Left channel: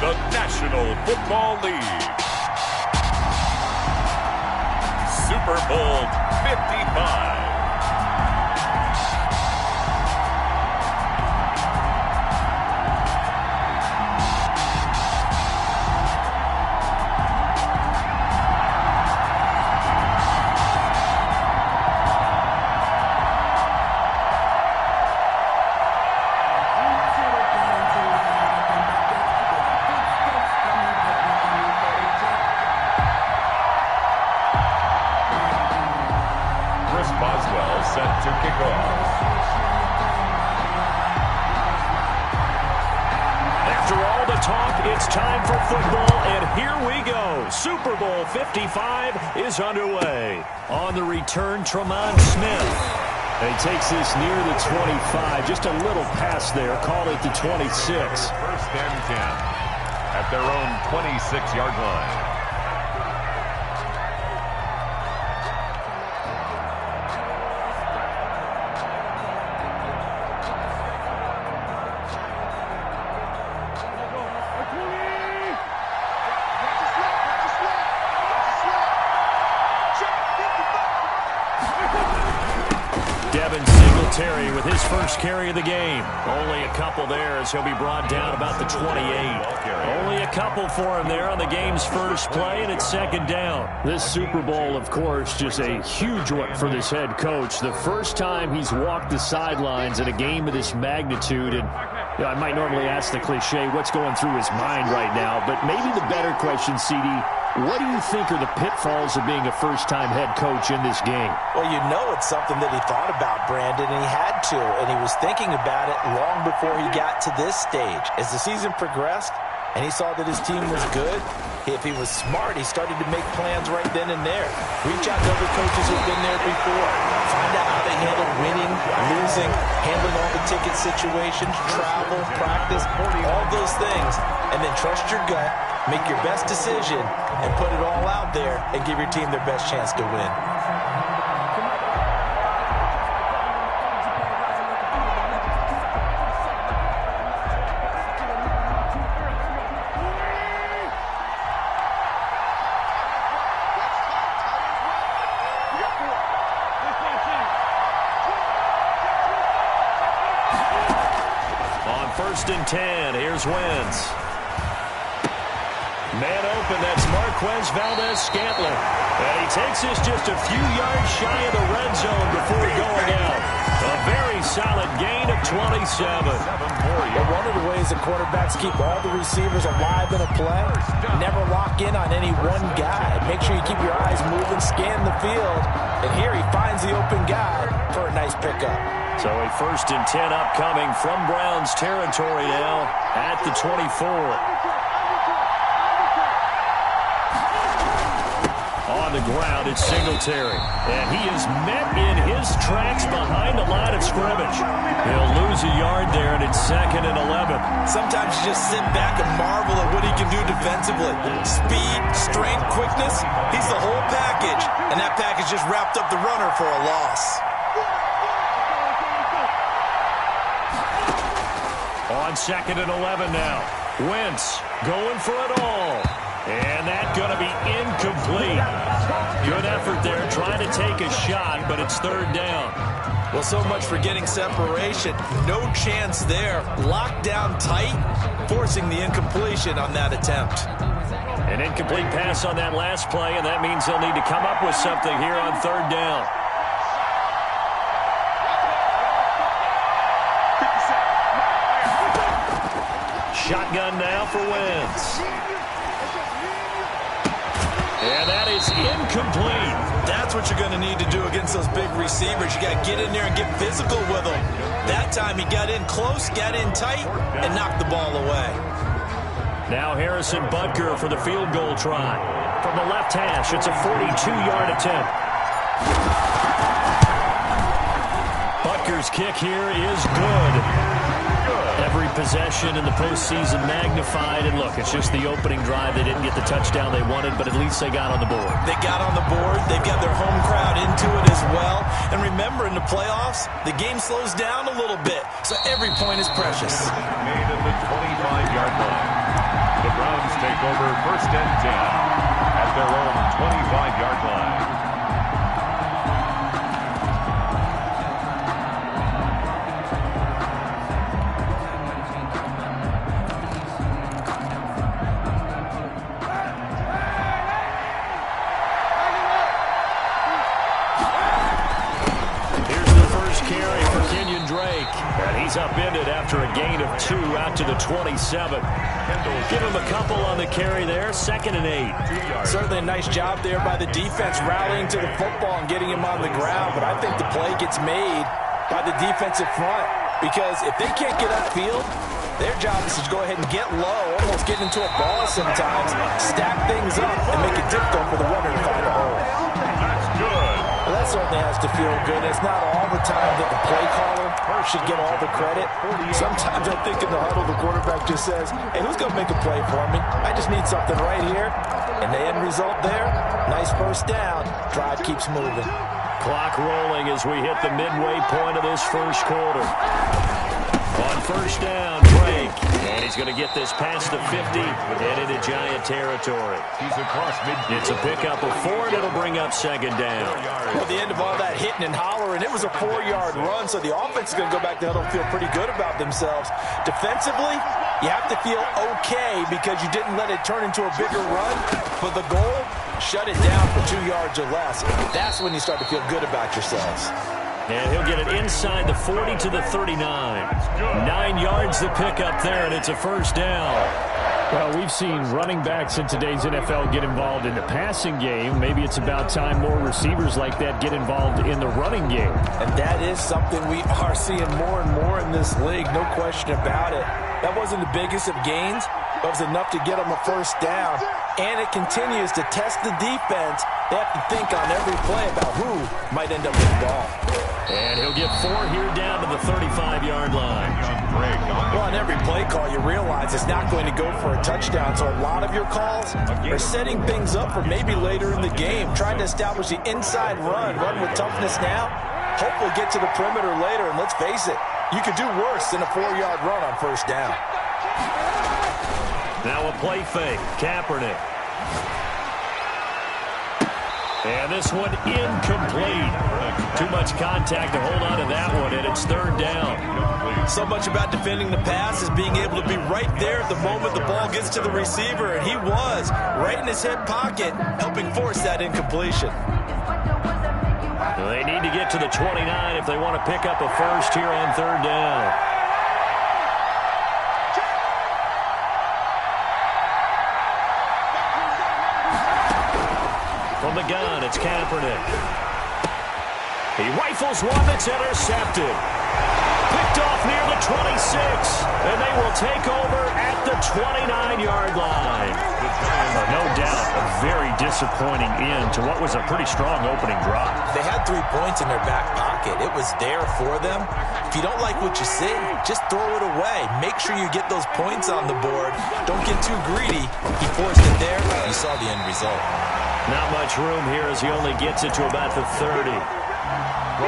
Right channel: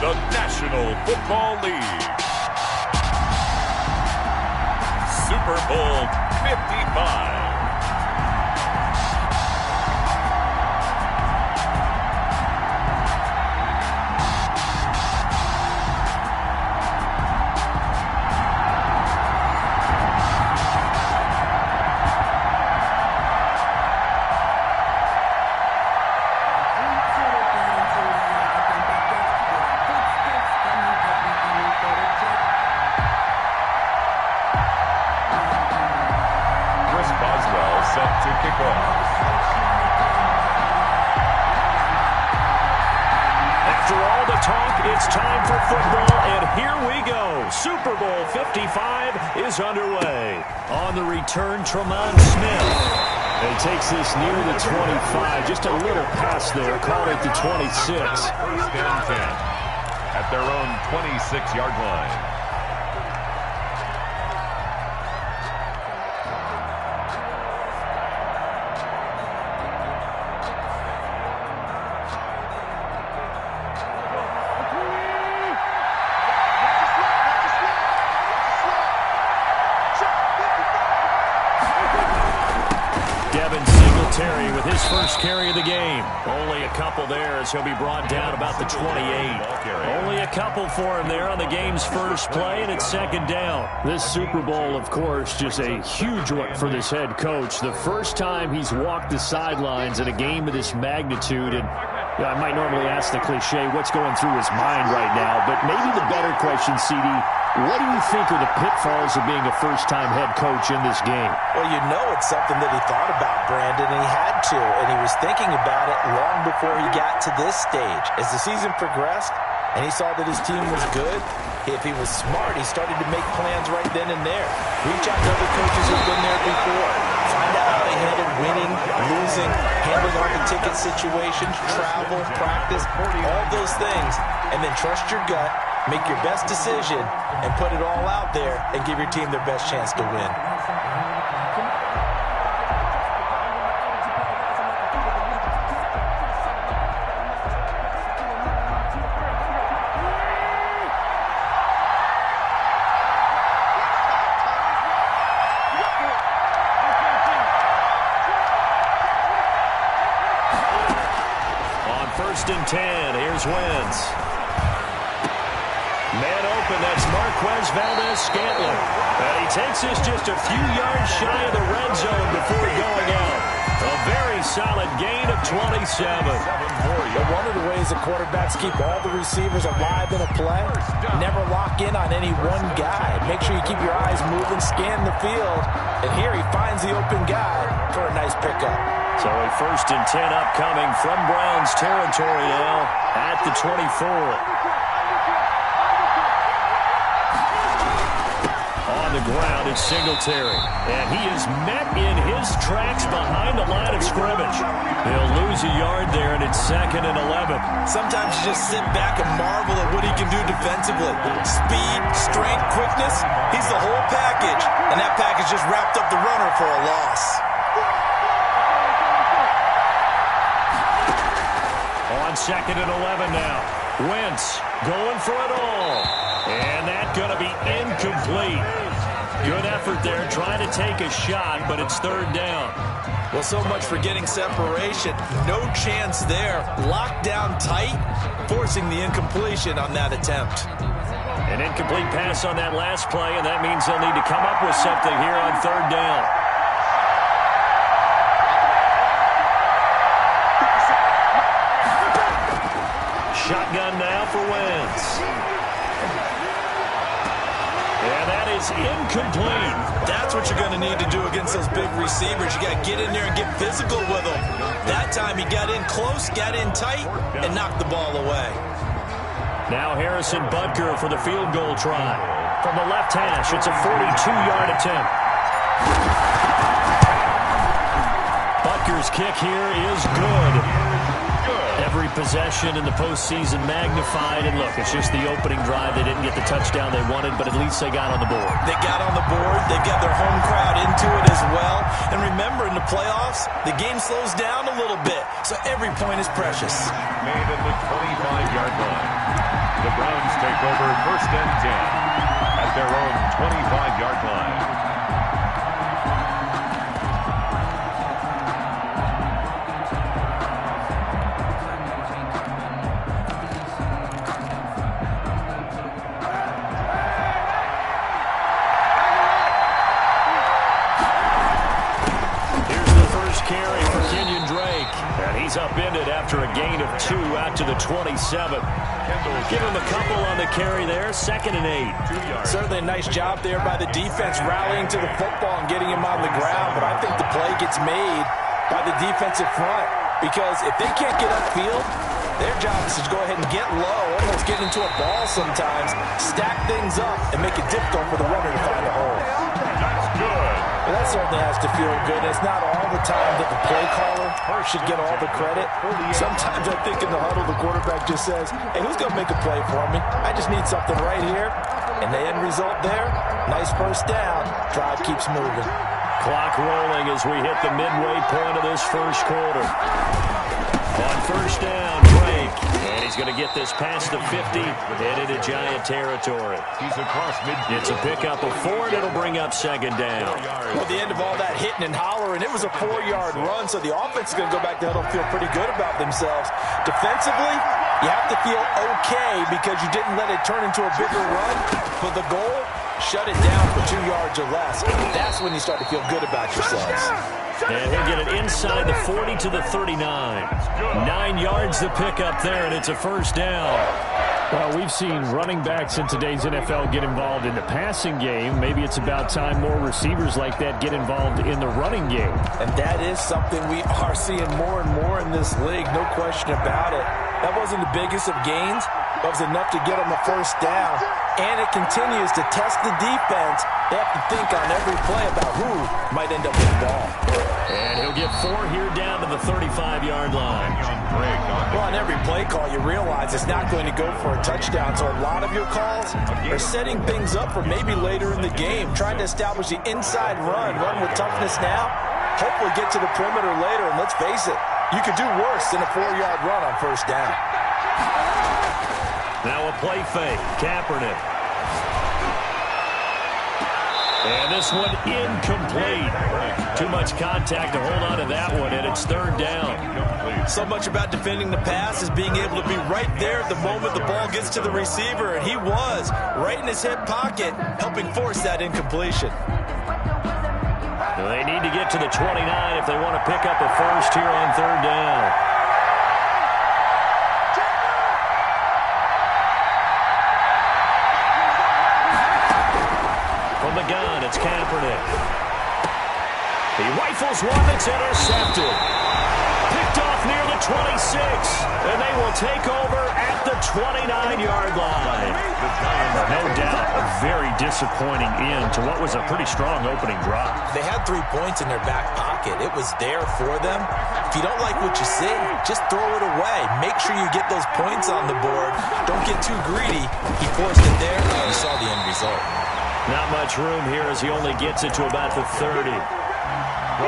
the National Football League. Super Bowl 55. Set to kick off. After all the talk, it's time for football, and here we go. Super Bowl 55 is underway. On the return, Tremont Smith. And he takes this near the 25, just a little pass there. Call it the 26. First and 10 at their own 26-yard line. Terry with his first carry of the game. Only a couple there as he'll be brought down about the 28. Only a couple for him there on the game's first play, and it's second down. This Super Bowl, of course, just a huge one for this head coach. The first time he's walked the sidelines in a game of this magnitude, and you know, I might normally ask the cliche, what's going through his mind right now, but maybe the better question, CD, what do you think are the pitfalls of being a first-time head coach in this game? Well, you know it's something that he thought about, Brandon, and he had to, and he was thinking about it long before he got to this stage. As the season progressed and he saw that his team was good, if he was smart, he started to make plans right then and there. Reach out to other coaches who've been there before. Find out how they handle winning, losing, handling all the ticket situations, travel, practice, all those things, and then trust your gut. Make your best decision and put it all out there and give your team their best chance to win. On 1st and 10, here's Wentz. Man open, that's Marquez Valdez-Scantling. And he takes this just a few yards shy of the red zone before going out. A very solid gain of 27. But one of the ways that quarterbacks keep all the receivers alive in a play, never lock in on any one guy. Make sure you keep your eyes moving, scan the field. And here he finds the open guy for a nice pickup. So a 1st and 10 upcoming from Browns territory now at the 24. On the ground, it's Singletary. And he is met in his tracks behind the line of scrimmage. He'll lose a yard there, and it's 2nd and 11. Sometimes you just sit back and marvel at what he can do defensively. Speed, strength, quickness, he's the whole package. And that package just wrapped up the runner for a loss. On 2nd and 11 now. Wentz going for it all. And that's going to be incomplete. Good effort there, trying to take a shot, but it's 3rd down. Well, so much for getting separation. No chance there. Locked down tight, forcing the incompletion on that attempt. An incomplete pass on that last play, and that means they'll need to come up with something here on 3rd down. Shotgun now for Wentz. And that is incomplete. That's what you're going to need to do against those big receivers. You got to get in there and get physical with them. That time he got in close, got in tight, and knocked the ball away. Now Harrison Butker for the field goal try. From the left hash, it's a 42-yard attempt. Butker's kick here is good. Every possession in the postseason magnified. And look, it's just the opening drive. They didn't get the touchdown they wanted, but at least they got on the board. They got on the board. They've got their home crowd into it as well. And remember, in the playoffs, the game slows down a little bit, so every point is precious. Made at the 25-yard line. The take over 1st and 10 at their own 25-yard line. Carry for Kenyon Drake. And he's upended after a gain of 2 out to the 27. Give him a couple on the carry there. 2nd and 8. Certainly a nice job there by the defense rallying to the football and getting him on the ground. But I think the play gets made by the defensive front. Because if they can't get upfield, their job is to go ahead and get low, almost get into a ball sometimes, stack things up, and make it difficult for the runner to find a hole. That's good. Well, that certainly has to feel good. It's not all the time that the play caller should get all the credit. Sometimes I think in the huddle, the quarterback just says, hey, who's going to make a play for me? I just need something right here. And the end result there, nice 1st down. Drive keeps moving. Clock rolling as we hit the midway point of this 1st quarter. On 1st down, Drake. And he's going to get this past the 50 and into Giant territory. He's across midfield. It's a pickup of 4, and it'll bring up 2nd down. Well, at the end of all that hitting and hollering, it was a 4-yard run, so the offense is going to go back to huddle and feel pretty good about themselves. Defensively, you have to feel okay because you didn't let it turn into a bigger run. But the goal, shut it down for 2 yards or less. That's when you start to feel good about yourselves. And he'll get it inside the 40 to the 39. 9 yards to pick up there, and it's a 1st down. Well, we've seen running backs in today's NFL get involved in the passing game. Maybe it's about time more receivers like that get involved in the running game. And that is something we are seeing more and more in this league, no question about it. That wasn't the biggest of gains, but it was enough to get them a 1st down. And it continues to test the defense. They have to think on every play about who might end up with the ball. And he'll get 4 here down to the 35-yard line. Well, on every play call, you realize it's not going to go for a touchdown. So a lot of your calls are setting things up for maybe later in the game, trying to establish the inside run with toughness now, hopefully get to the perimeter later. And let's face it, you could do worse than a 4-yard run on 1st down. Now a play fake. Kaepernick. And this one incomplete. Too much contact to hold on to that one, and it's 3rd down. So much about defending the pass is being able to be right there at the moment the ball gets to the receiver, and he was right in his hip pocket, helping force that incompletion. They need to get to the 29 if they want to pick up a 1st here on 3rd down. From the gun, it's Kaepernick. He rifles one that's intercepted. Picked off near the 26. And they will take over at the 29-yard line. No doubt a very disappointing end to what was a pretty strong opening drive. They had 3 points in their back pocket. It was there for them. If you don't like what you see, just throw it away. Make sure you get those points on the board. Don't get too greedy. He forced it there. You saw the end result. Not much room here as he only gets it to about the 30.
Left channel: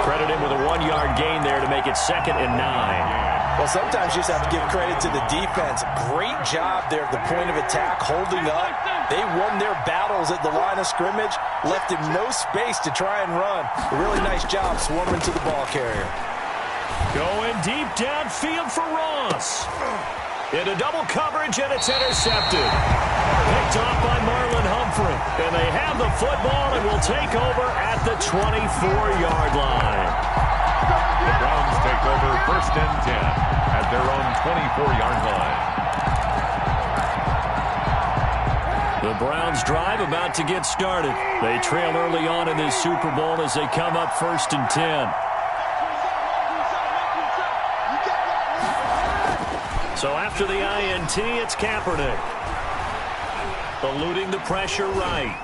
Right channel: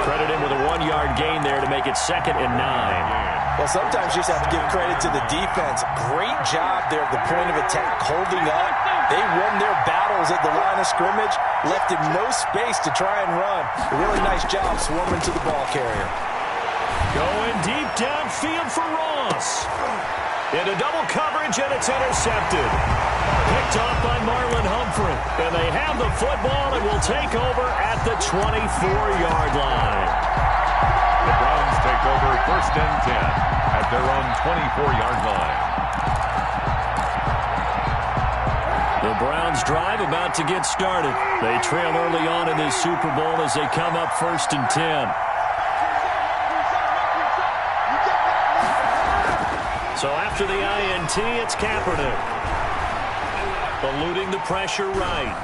Credit him with a 1-yard gain there to make it 2nd and 9. Well, sometimes you just have to give credit to the defense. Great job there at the point of attack, holding up. They won their battles at the line of scrimmage, left him no space to try and run. A really nice job swarming to the ball carrier. Going deep downfield for Ross. Into double coverage, and it's intercepted. Picked off by Marlon Humphrey. And they have the football and will take over at the 24-yard line. The Browns take over 1st and 10 at their own 24-yard line. The Browns drive about to get started. They trail early on in this Super Bowl as they come up 1st and 10. So after the INT, it's Kaepernick. Eluding the pressure right.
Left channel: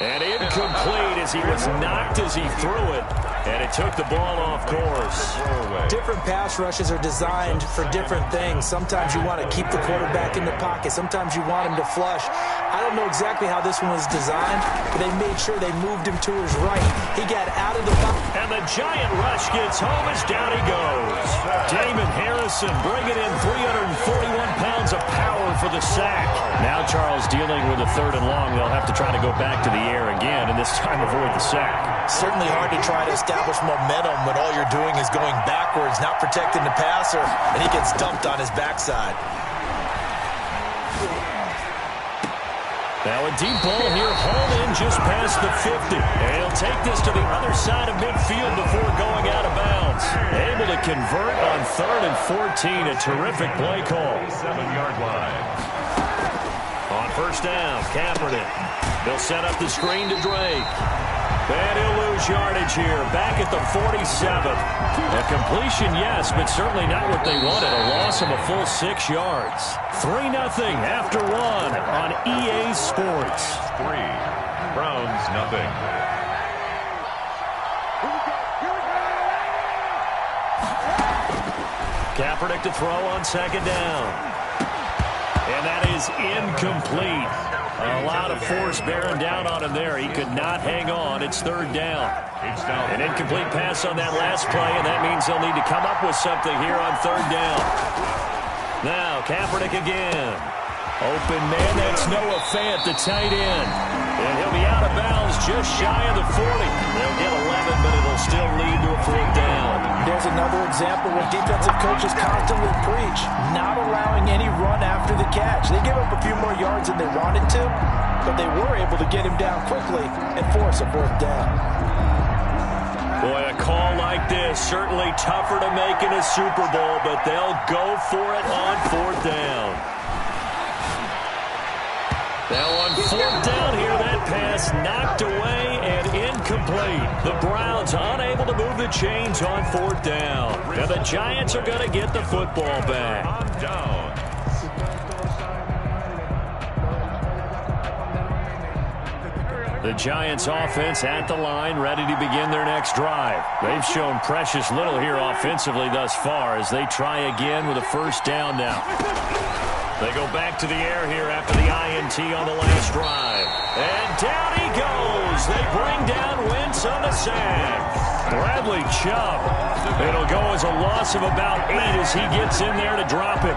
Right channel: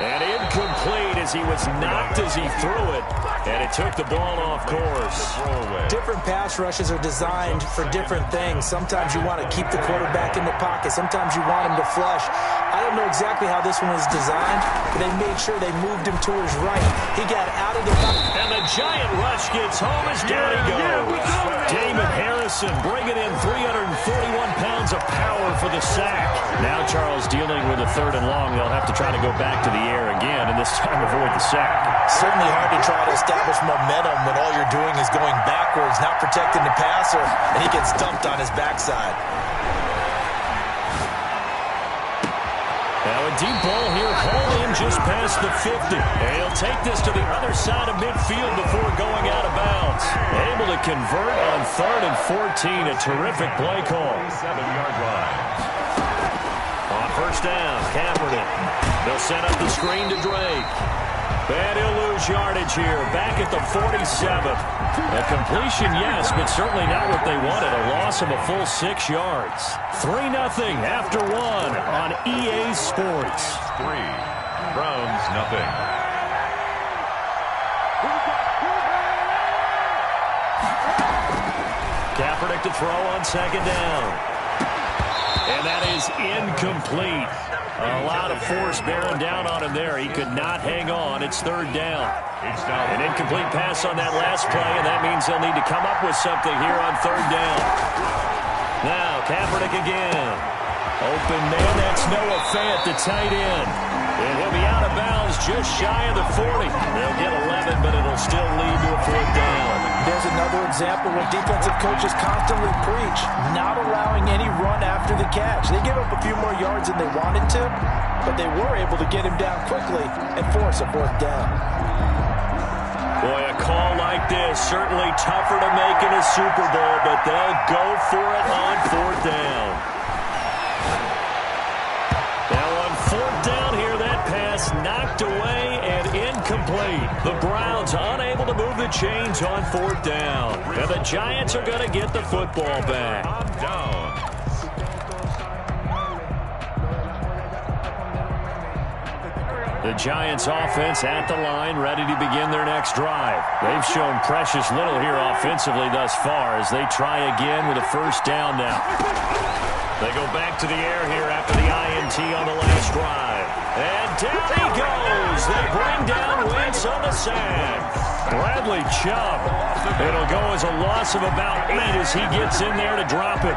And incomplete as he was knocked as he threw it. And it took the ball off course. Different pass rushes are designed for different things. Sometimes you want to keep the quarterback in the pocket. Sometimes you want him to flush. I don't know exactly how this one was designed, but they made sure they moved him to his right. He got out of the pocket. And the giant rush gets home as down he goes. Damon Harrison bringing in 341 pounds of power for the sack. Now Charles dealing with a 3rd and long. They'll have to try to go back to the air again, and this time avoid the sack. Certainly hard to try to establish momentum when all you're doing is going backwards, not protecting the passer, and he gets dumped on his backside. Now a deep ball here, hauled in just past the 50. And he'll take this to the other side of midfield before going out of bounds. Able to convert on 3rd and 14. A terrific play call. 7-yard line. On 1st down, Kaepernick. They'll set up the screen to Drake. And he'll lose yardage here, back at the 47. A completion, yes, but certainly not what they wanted. A loss of a full 6 yards. 3-0 after 1 on EA Sports. 3. Browns, nothing. Kaepernick to throw on 2nd down. And that is incomplete. A lot of force bearing down on him there. He could not hang on. It's 3rd down. An incomplete pass on that last play, and that means they'll need to come up with something here on 3rd down. Now, Kaepernick again. Open man, that's Noah Fant, the tight end. And he'll be out of bounds just shy of the 40. They'll get 11, but it'll still lead to a 4th down. There's another example where defensive coaches constantly preach, not allowing any run after the catch. They give up a few more yards than they wanted to, but they were able to get him down quickly and force a 4th down. Boy, a call like this, certainly tougher to make in a Super Bowl, but they'll go for it on 4th down. Now on 4th down here, that pass knocked away and incomplete. The Browns unable to move the chains on 4th down. And the Giants are going to get the football back. On down. The Giants offense at the line, ready to begin their next drive. They've shown precious little here offensively thus far as they try again with a 1st down now. They go back to the air here after the INT on the last drive. And down he goes. They bring down Wentz on the sack. Bradley Chubb. It'll go as a loss of about 8 as he gets in there to drop him.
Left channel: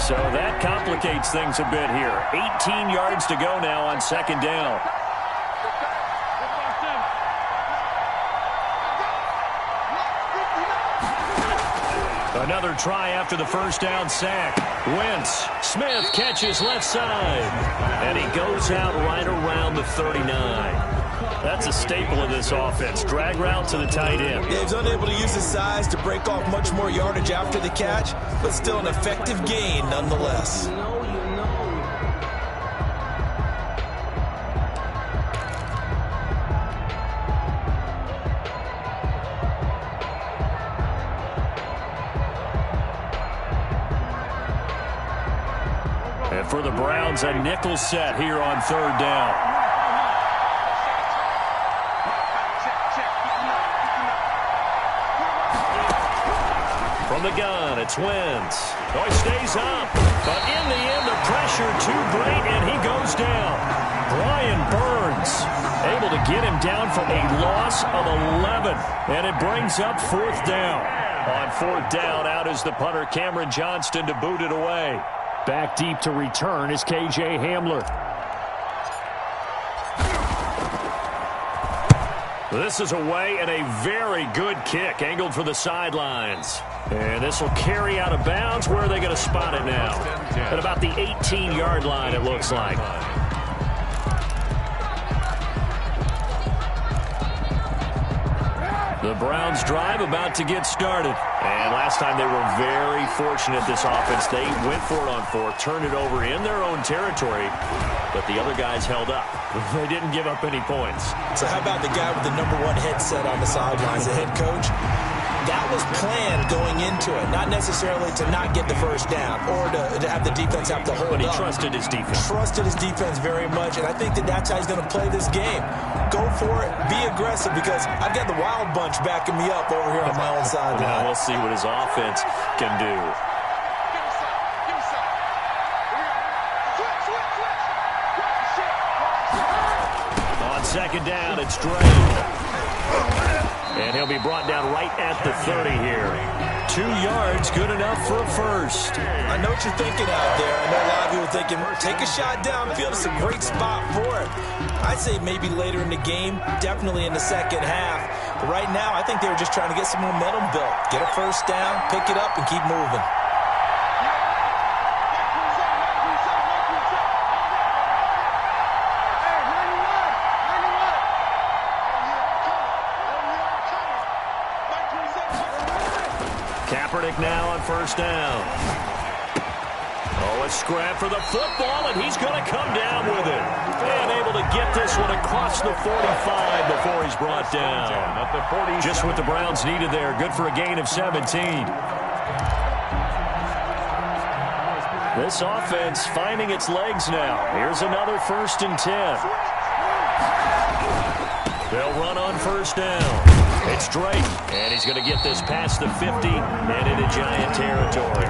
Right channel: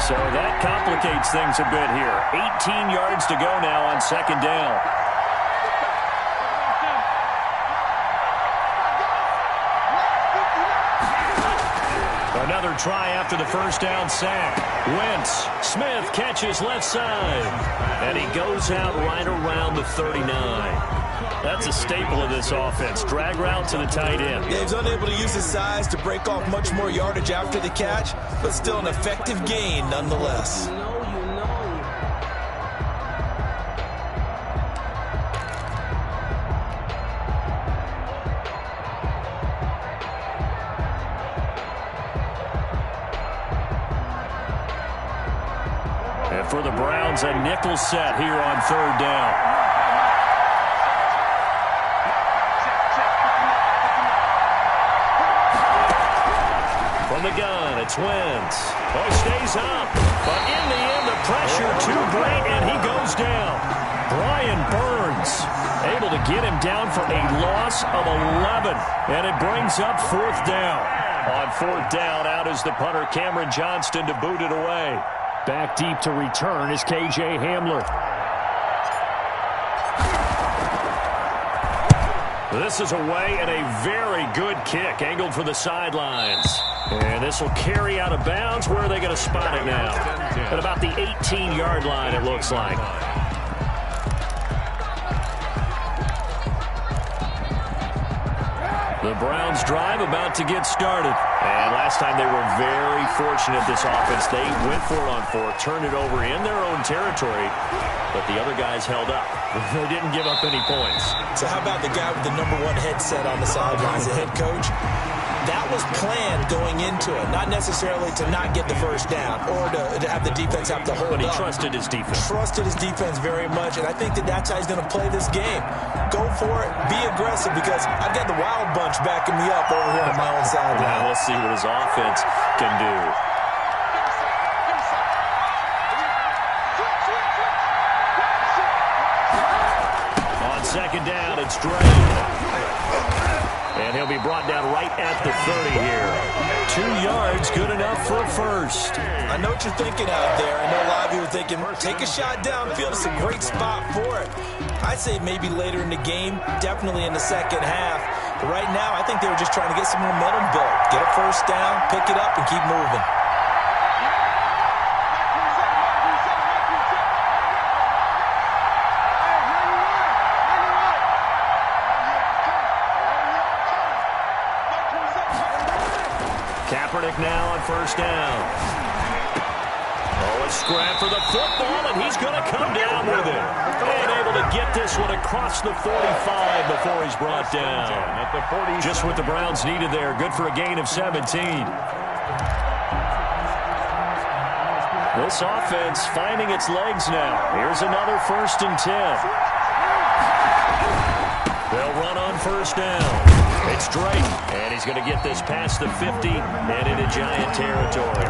So that complicates things a bit here. 18 yards to go now on 2nd down. Another try after the 1st down sack. Wentz. Smith catches left side. And he goes out right around the 39. That's a staple of this offense. Drag route to the tight end. Yeah, he's unable to use his size to break off much more yardage after the catch, but still an effective gain nonetheless. And for the Browns, a nickel set here on 3rd down. From the gun, it's Wentz. Oh, he stays up. But in the end, the pressure too great, and he goes down. Brian Burns able to get him down for a loss of 11. And it brings up 4th down. On 4th down, out is the punter, Cameron Johnston, to boot it away. Back deep to return is KJ Hamler. This is away and a very good kick angled for the sidelines. And this will carry out of bounds. Where are they going to spot it now? At about the 18-yard line, it looks like. The Browns drive about to get started. And last time they were very fortunate, this offense. They went for it on 4th, turned it over in their own territory, but the other guys held up. They didn't give up any points. So how about the guy with the #1 headset on the sidelines, the head coach? that was planned going into it, not necessarily to not get the first down or to have the defense have to hold up. But he trusted his defense. Trusted his defense very much, and I think that's how he's going to play this game. Go for it. Be aggressive, because I've got the Wild Bunch backing me up over here on my own side. Now we'll see what his offense can do. On second down, it's Drake. And he'll be brought down right at the 30 here. 2 yards, good enough for a first. I know what you're thinking out there. I know a lot of you are thinking, take a shot downfield. It's a great spot for it. I'd say maybe later in the game, definitely in the second half. But right now, I think they were just trying to get some momentum built. Get a first down, pick it up, and keep moving. Kaepernick now on first down. Oh, a scrap for the football, and he's going to come down with it. And able to get this one across the 45 before he's brought down. At the 40. Just what the Browns needed there. Good for a gain of 17. This offense finding its legs now. Here's another 1st and 10. They'll run on first down. It's Drake, and he's going to get this past the 50 and into Giant territory.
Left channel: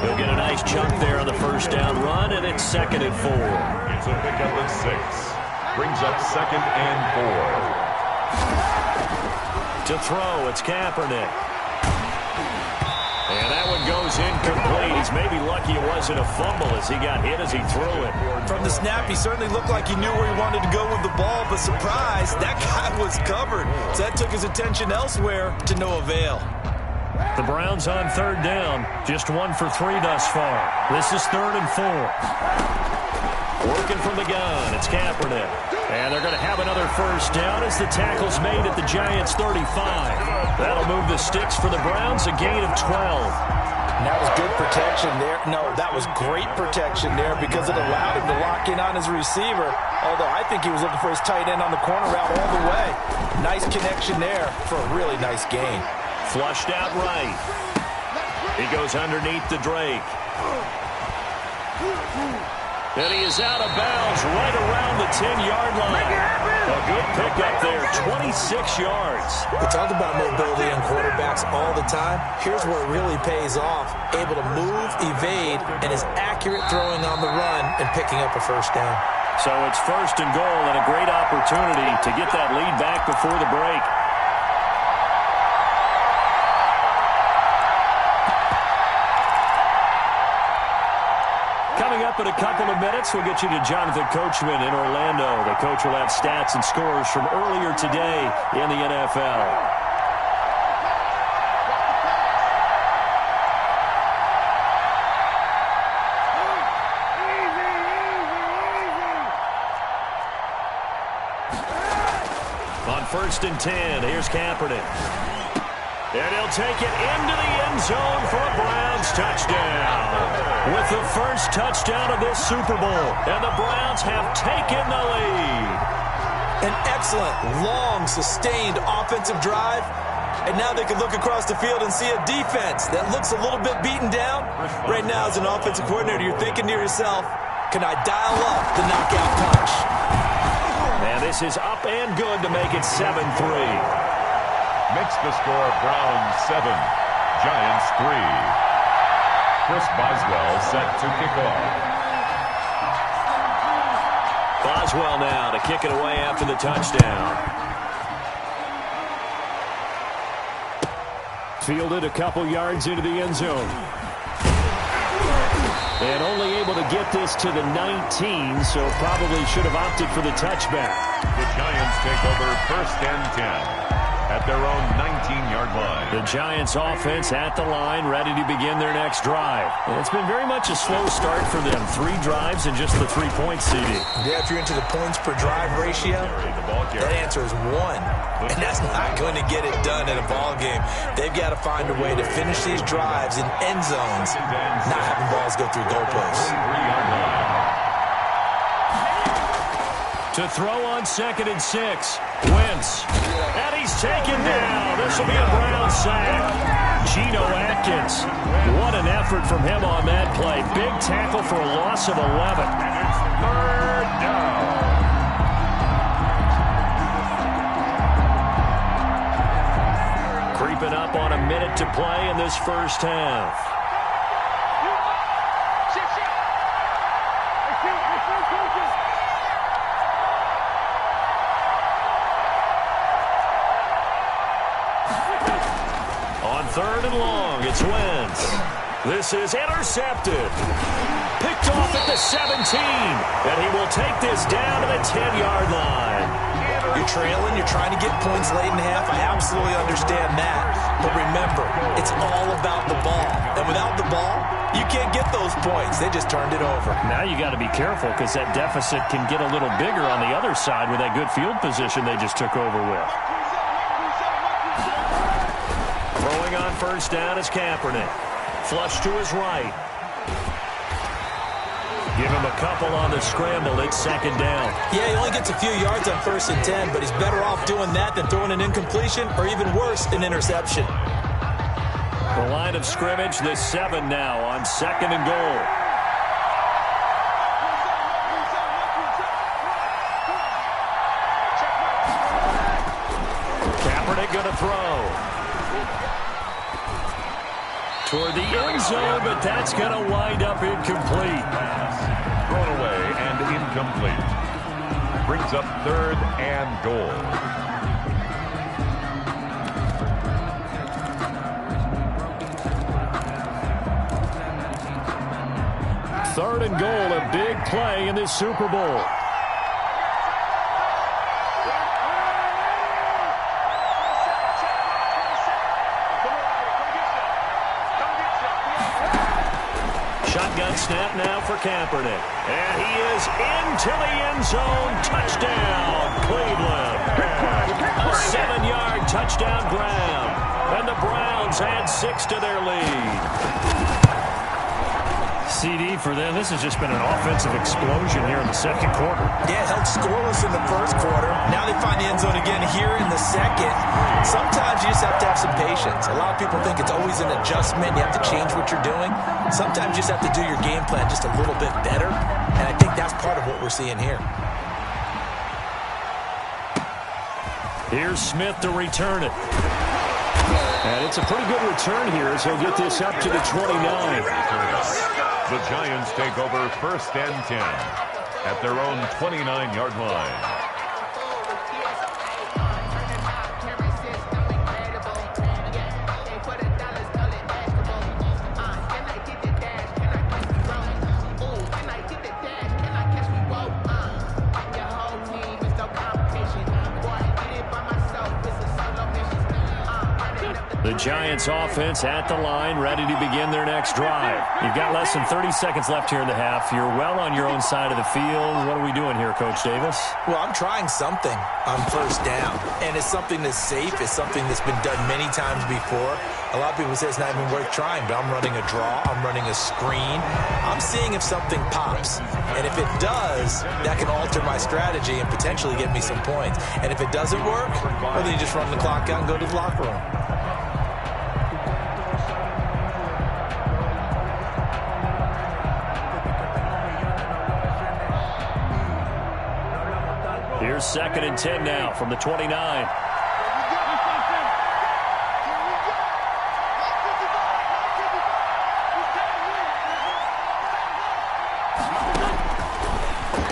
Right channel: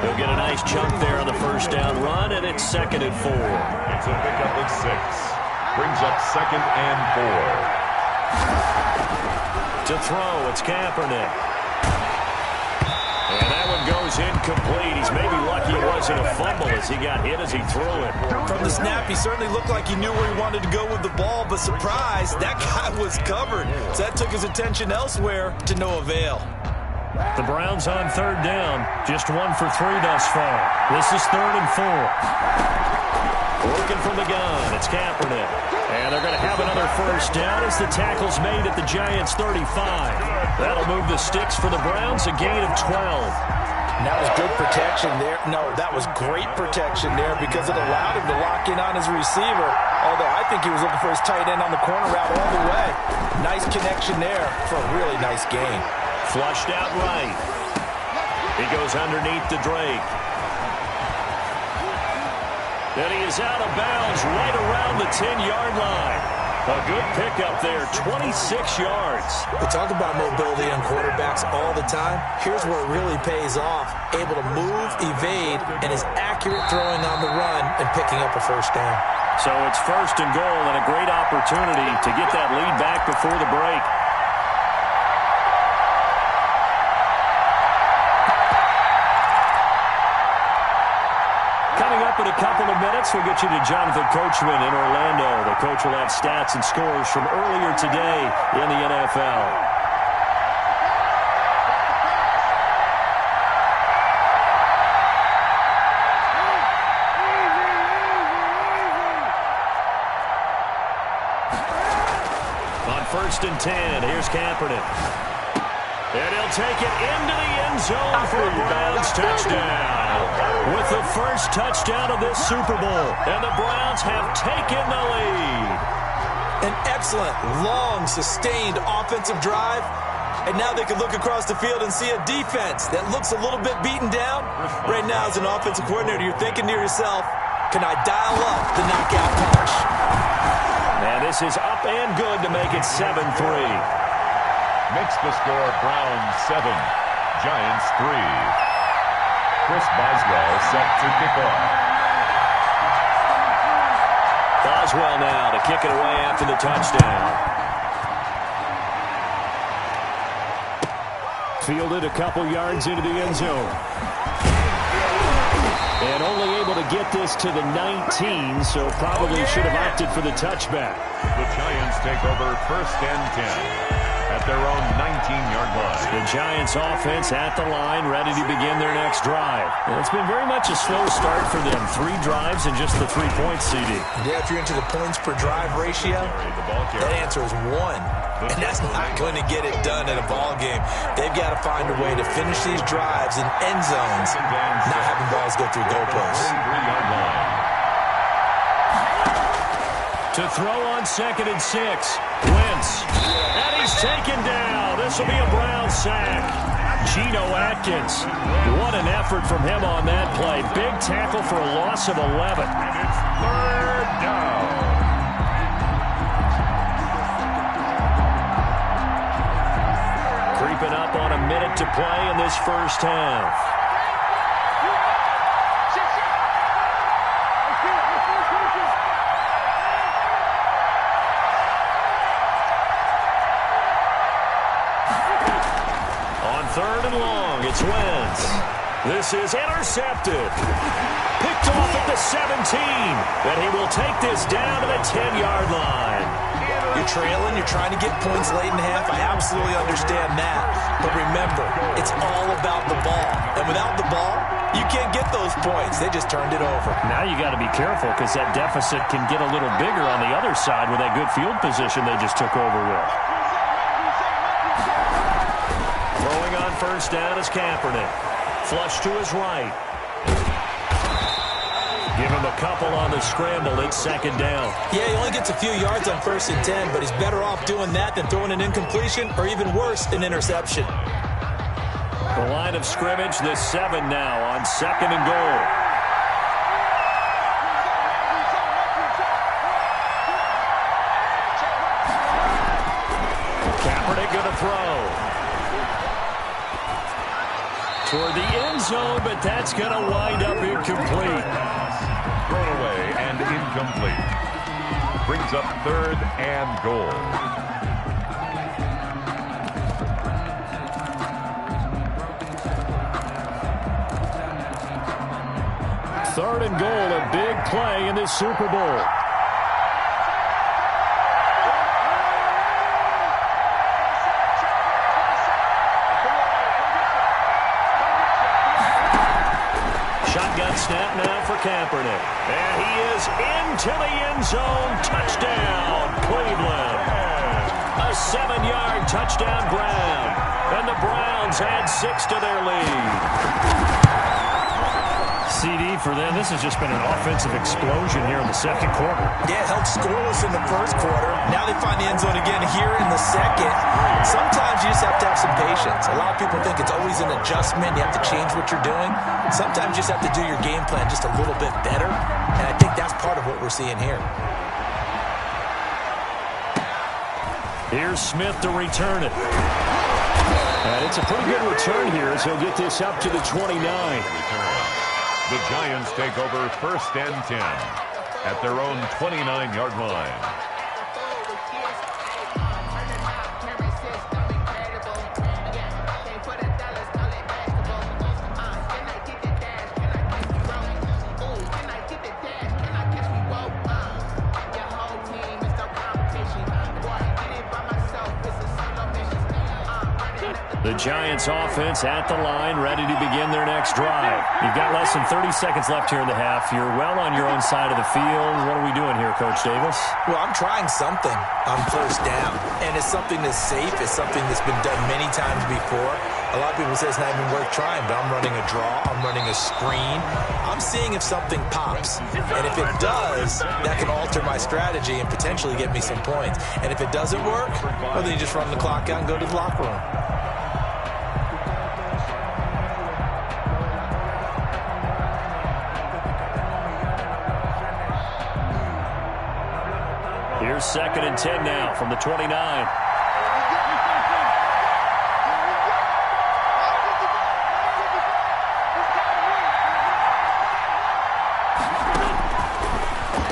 He'll get a nice chunk there on the first down run, and it's 2nd and 4. It's a pickup of 6. Brings up 2nd and 4. To throw, it's Kaepernick. And that one goes incomplete. He's maybe lucky it wasn't a fumble as he got hit as he threw it. From the snap, he certainly looked like he knew where he wanted to go with the ball, but surprise, that guy was covered. So that took his attention elsewhere to no avail. The Browns on 3rd down, just 1 for 3 thus far. This is 3rd and 4. Working from the gun, it's Kaepernick. And they're going to have another first down as the tackle's made at the Giants' 35. That'll move the sticks for the Browns, a gain of 12. And that was good protection there. No, that was great protection there because it allowed him to lock in on his receiver. Although I think he was looking for his tight end on the corner route all the way. Nice connection there for a really nice gain. Flushed out right. He goes underneath to Drake. And he is out of bounds right around the 10-yard line. A good pickup there, 26 yards. We talk about mobility on quarterbacks all the time. Here's where it really pays off. Able to move, evade, and is accurate throwing on the run and picking up a first down. So it's 1st and goal and a great opportunity to get that lead back before the break. Coming up in a couple of minutes, we'll get you to Jonathan Coachman in Orlando. The coach will have stats and scores from earlier today in the NFL. On 1st and 10, here's Kaepernick. And he'll take it into the end zone for a Browns touchdown. With the first touchdown of this Super Bowl. And the Browns have taken the lead. An excellent, long, sustained offensive drive. And now they can look across the field and see a defense that looks a little bit beaten down. Right now, as an offensive coordinator, you're thinking to yourself, can I dial up the knockout punch? And this is up and good to make it 7-3. Makes the score Browns 7, Giants 3. Chris Boswell set to kick off. Boswell now to kick it away after the touchdown. Fielded a couple yards into the end zone. And only able to get this to the 19, so probably should have opted for the touchback. The Giants take over 1st and 10. At their own 19-yard line. The Giants offense at the line, ready to begin their next drive. And it's been very much a slow start for them. 3 drives and just the 3 points, CD. Yeah, if you're into the points per drive ratio, that answer is 1. And that's not going to get it done in a ball game. They've got to find a way to finish these drives in end zones, not having balls go through goalposts. 43-yard line. To throw on 2nd and 6. Wentz. And he's taken down. This will be a Brown sack. Geno Atkins. What an effort from him on that play. Big tackle for a loss of 11. And it's third down. Creeping up on a minute to play in this first half. On third and long, it's Wentz. This is intercepted. Picked off at the 17. And he will take this down to the 10-yard line. You're trailing, you're trying to get points late in half. I absolutely understand that. But remember, it's all about the ball. And without the ball, you can't get those points. They just turned it over. Now you got to be careful because that deficit can get a little bigger on the other side with that good field position they just took over with. Throwing on first down is Kaepernick. Flush to his right. Give him a couple on the scramble. It's second down. Yeah, he only gets a few yards on 1st and 10, but he's better off doing that than throwing an incompletion or even worse, an interception. The line of scrimmage, the 7 now on 2nd and goal. Kaepernick going to throw. Toward the end zone, but that's going to wind up incomplete. Thrown away and incomplete. Brings up 3rd and goal. Third and goal, a big play in this Super Bowl. Shotgun snap now for Kaepernick. And he is into the end zone. Touchdown, Cleveland. A 7-yard touchdown grab. And the Browns add 6 to their lead. CD for them. This has just been an offensive explosion here in the second quarter. Yeah, held scoreless in the first quarter. Now they find the end zone again here in the second. Sometimes you just have to have some patience. A lot of people think it's always an adjustment. You have to change what you're doing. Sometimes you just have to do your game plan just a little bit better. And I think that's part of what we're seeing here. Here's Smith to return it. And it's a pretty good return here as he'll get this up to the 29. The Giants take over 1st and 10 at their own 29-yard line. The Giants offense at the line, ready to begin their next drive. You've got less than 30 seconds left here in the half. You're well on your own side of the field. What are we doing here, Coach Davis? Well, I'm trying something on 1st down, and it's something that's safe. It's something that's been done many times before. A lot of people say it's not even worth trying, but I'm running a draw. I'm running a screen. I'm seeing if something pops, and if it does, that can alter my strategy and potentially get me some points. And if it doesn't work, well, then you just run the clock out and go to the locker room. Here's 2nd and 10 now from the 29.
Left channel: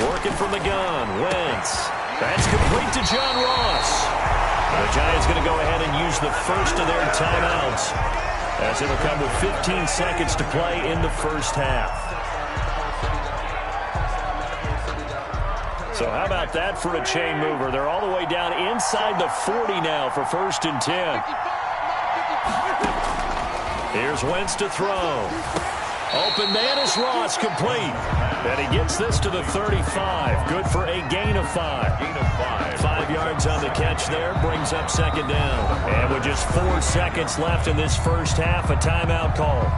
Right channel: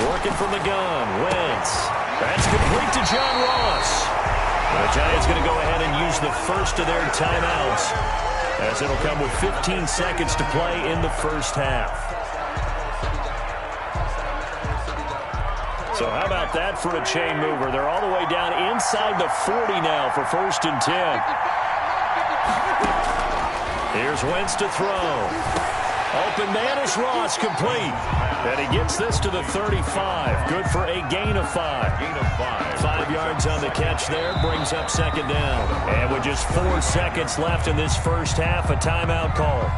Working from the gun, Wentz. That's complete to John Ross. The Giants going to go ahead and use the first of their timeouts, as it'll come with 15 seconds to play in the first half. So how about that for a chain mover? They're all the way down inside the 40 now for 1st and 10. Here's Wentz to throw. Open man is Ross, complete. And he gets this to the 35. Good for a gain of 5. 5 yards on the catch there. Brings up 2nd down. And with just 4 seconds left in this first half, a timeout call.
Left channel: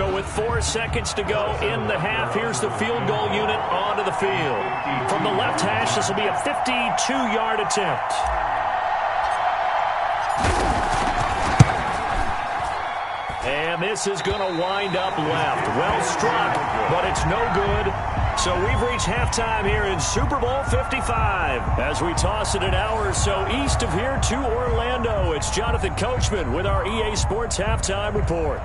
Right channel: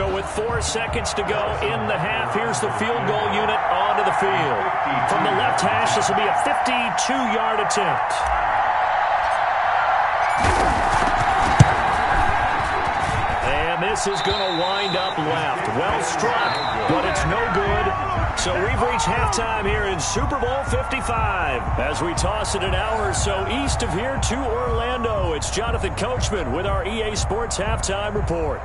So with 4 seconds to go in the half, here's the field goal unit onto the field. From the left hash, this will be a 52-yard attempt. And this is going to wind up left. Well struck, but it's no good. So we've reached halftime here in Super Bowl 55. As we toss it an hour or so east of here to Orlando, it's Jonathan Coachman with our EA Sports Halftime Report.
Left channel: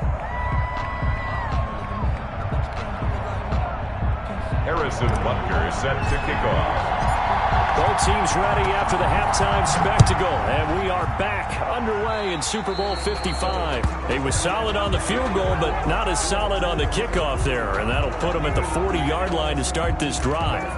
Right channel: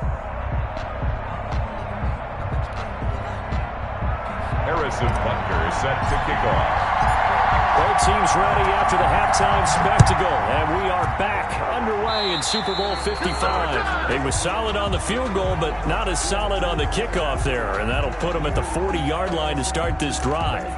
Harrison Butker set to kick off. Both teams ready after the halftime spectacle, and we are back underway in Super Bowl 55. He was solid on the field goal, but not as solid on the kickoff there, and that'll put him at the 40-yard line to start this drive.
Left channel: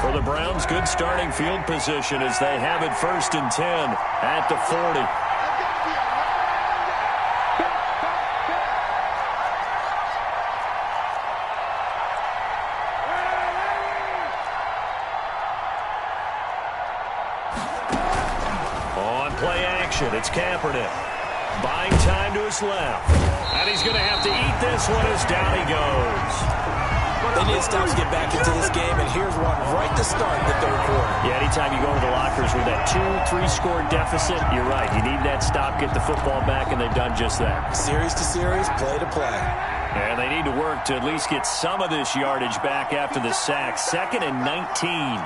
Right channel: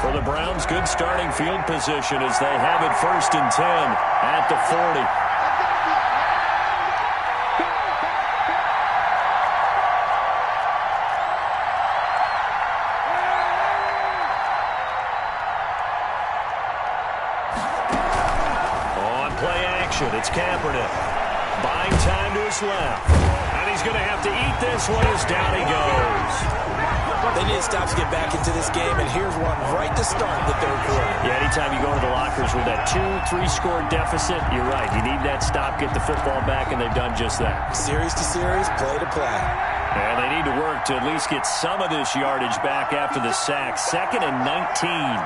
For the Browns, good starting field position as they have it 1st and 10 at the 40. On play action, it's Kaepernick. Buying time to his left. And he's going to have to eat this one as down he goes. They need to stop to get back into this game, and here's one right to start the 3rd quarter. Yeah, anytime you go to the lockers with that 2-3 score deficit, you're right. You need that stop, get the football back, and they've done just that. Series to series, play to play. And they need to work to at least get some of this yardage back after the sack. 2nd and 19.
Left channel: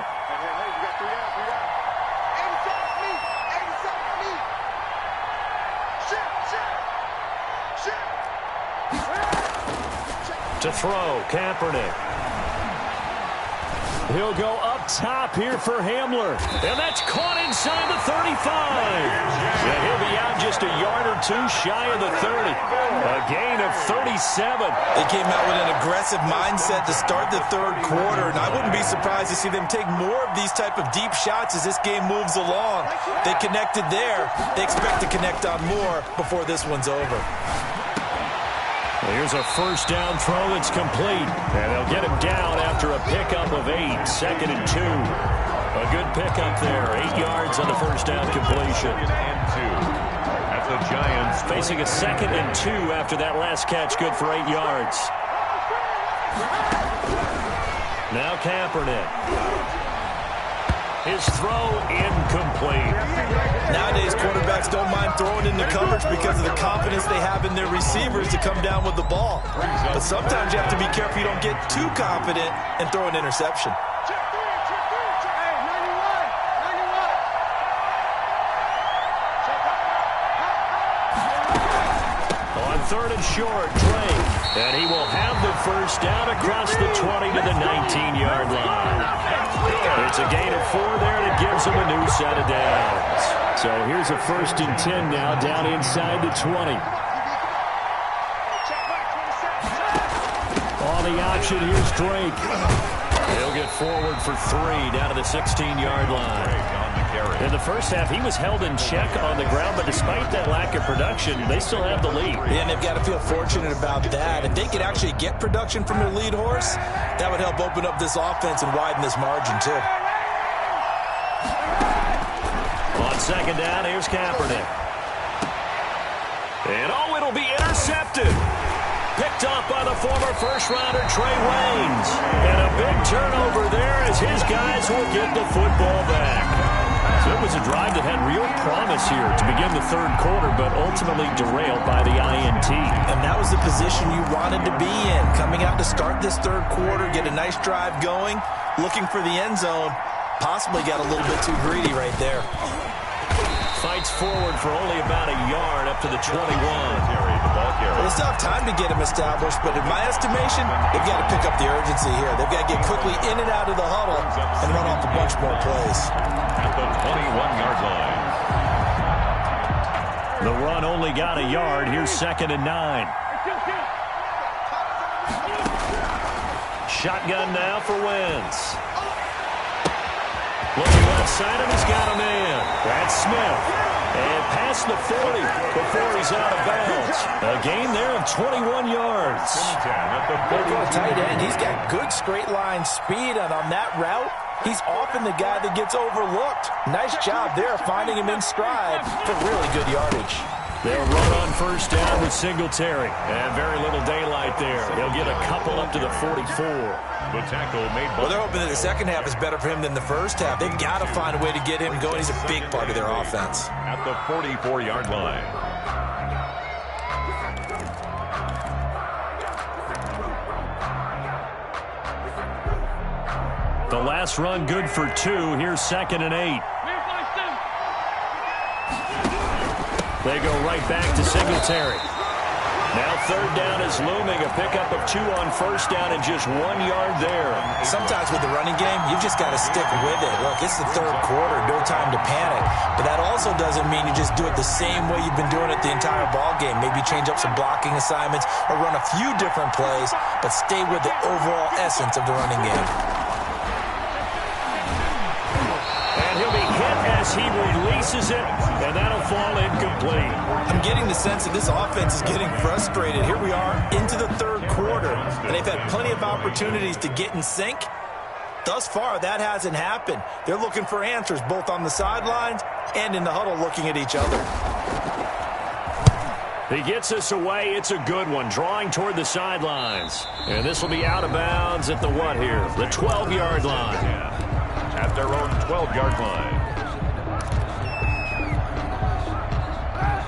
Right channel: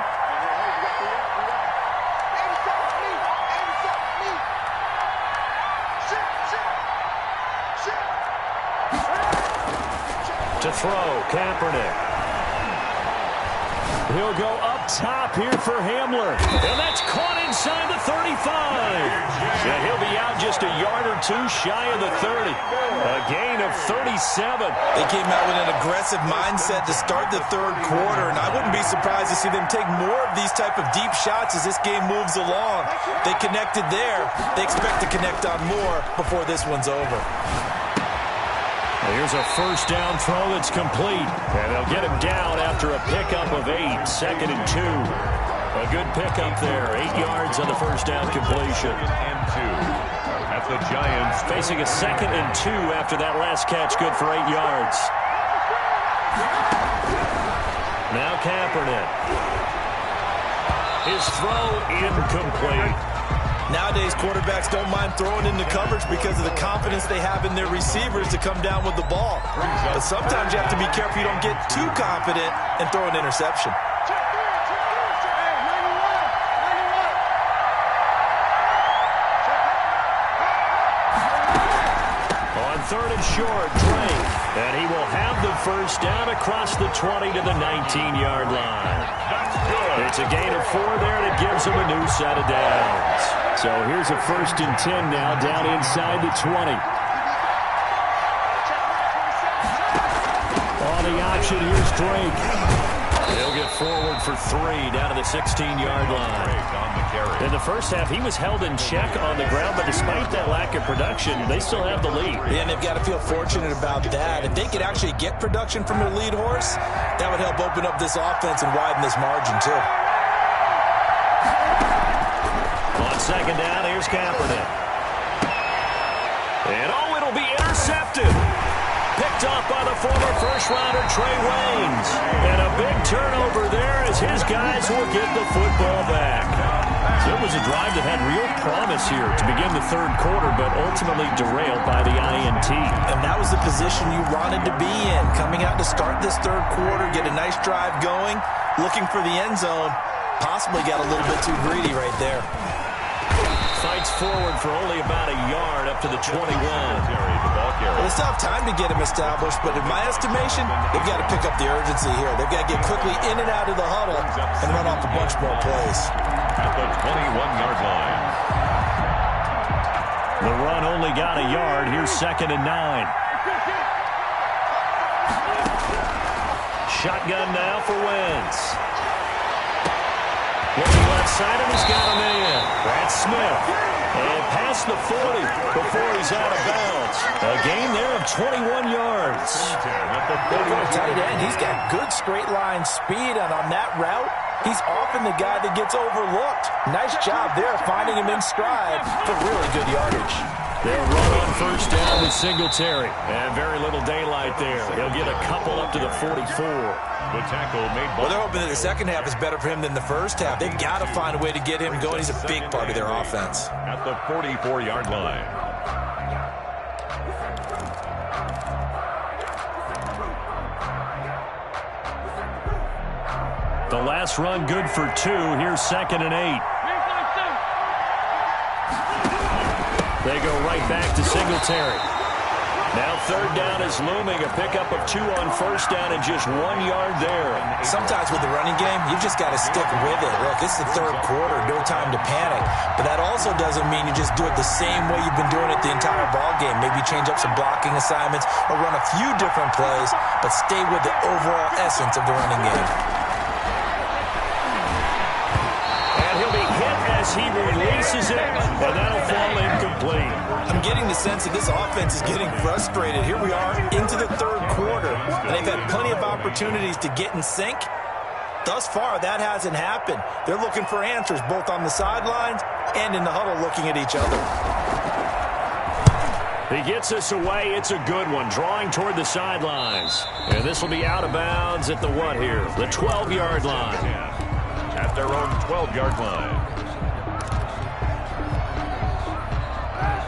To throw, Kaepernick. He'll go up top here for Hamler. And that's caught inside the 35. Yeah, he'll be out just a yard or two shy of the 30. A gain of 37. They came out with an aggressive mindset to start the 3rd quarter, and I wouldn't be surprised to see them take more of these type of deep shots as this game moves along. They connected there. They expect to connect on more before this one's over. Here's a 1st down throw that's complete. And they'll get him down after a pickup of 8. 2nd and 2. A good pickup there. 8 yards on the 1st down completion. And 2 at the Giants. Facing a 2nd and 2 after that last catch. Good for 8 yards. Now Kaepernick. His throw incomplete. Nowadays, quarterbacks don't mind throwing into coverage because of the confidence they have in their receivers to come down with the ball. But sometimes you have to be careful you don't get too confident and throw an interception. On 3rd and short, Drake. And he will have the 1st down across the 20 to the 19-yard line. It's a gain of 4 there, and it gives him a new set of downs. So here's a 1st and 10 now, down inside the 20. On the option, here's Drake. He'll get forward for 3 down to the 16-yard line. In the first half, he was held in check on the ground, but despite that lack of production, they still have the lead. Yeah, and they've got to feel fortunate about that. If they could actually get production from their lead horse, that would help open up this offense and widen this margin, too. On 2nd down, here's Kaepernick. And, it'll be intercepted. Picked off by the former first-rounder Trey Waynes. And a big turnover there as his guys will get the football back. So it was a drive that had real promise here to begin the 3rd quarter, but ultimately derailed by the INT. And that was the position you wanted to be in. Coming out to start this 3rd quarter, get a nice drive going, looking for the end zone. Possibly got a little bit too greedy right there. Fights forward for only about a yard up to the 21. Well, they still have time to get him established, but in my estimation, they've got to pick up the urgency here. They've got to get quickly in and out of the huddle and run off a bunch more plays. At the 21-yard line. The run only got a yard. Here's 2nd and 9. Shotgun now for Wentz. Looking left side, and he's got a man. That's Smith. And past the 40 before he's out of bounds. A gain there of 21 yards. For a tight end, he's got good straight line speed, and on that route, he's often the guy that gets overlooked. Nice job there finding him in stride for really good yardage. They'll run on first down with Singletary. And very little daylight there. He'll get a couple up to the 44. The tackle made by... Well, they're hoping that the second half is better for him than the first half. They've got to find a way to get him going. He's a big part of their offense. At the 44-yard line. The last run good for 2. Here's 2nd and 8. They go right back to Singletary. Now 3rd down is looming. A pickup of 2 on first down and just 1 yard there. Sometimes with the running game, you've just got to stick with it. Look, it's the 3rd quarter. No time to panic. But that also doesn't mean you just do it the same way you've been doing it the entire ball game. Maybe change up some blocking assignments or run a few different plays, but stay with the overall essence of the running game. He'll be hit as he releases it, and that'll fall incomplete. I'm getting the sense that this offense is getting frustrated. Here we are into the 3rd quarter, and they've had plenty of opportunities to get in sync. Thus far, that hasn't happened. They're looking for answers both on the sidelines and in the huddle looking at each other. He gets us away. It's a good one, drawing toward the sidelines. And this will be out of bounds at the what here? The 12-yard line. At their own 12-yard line.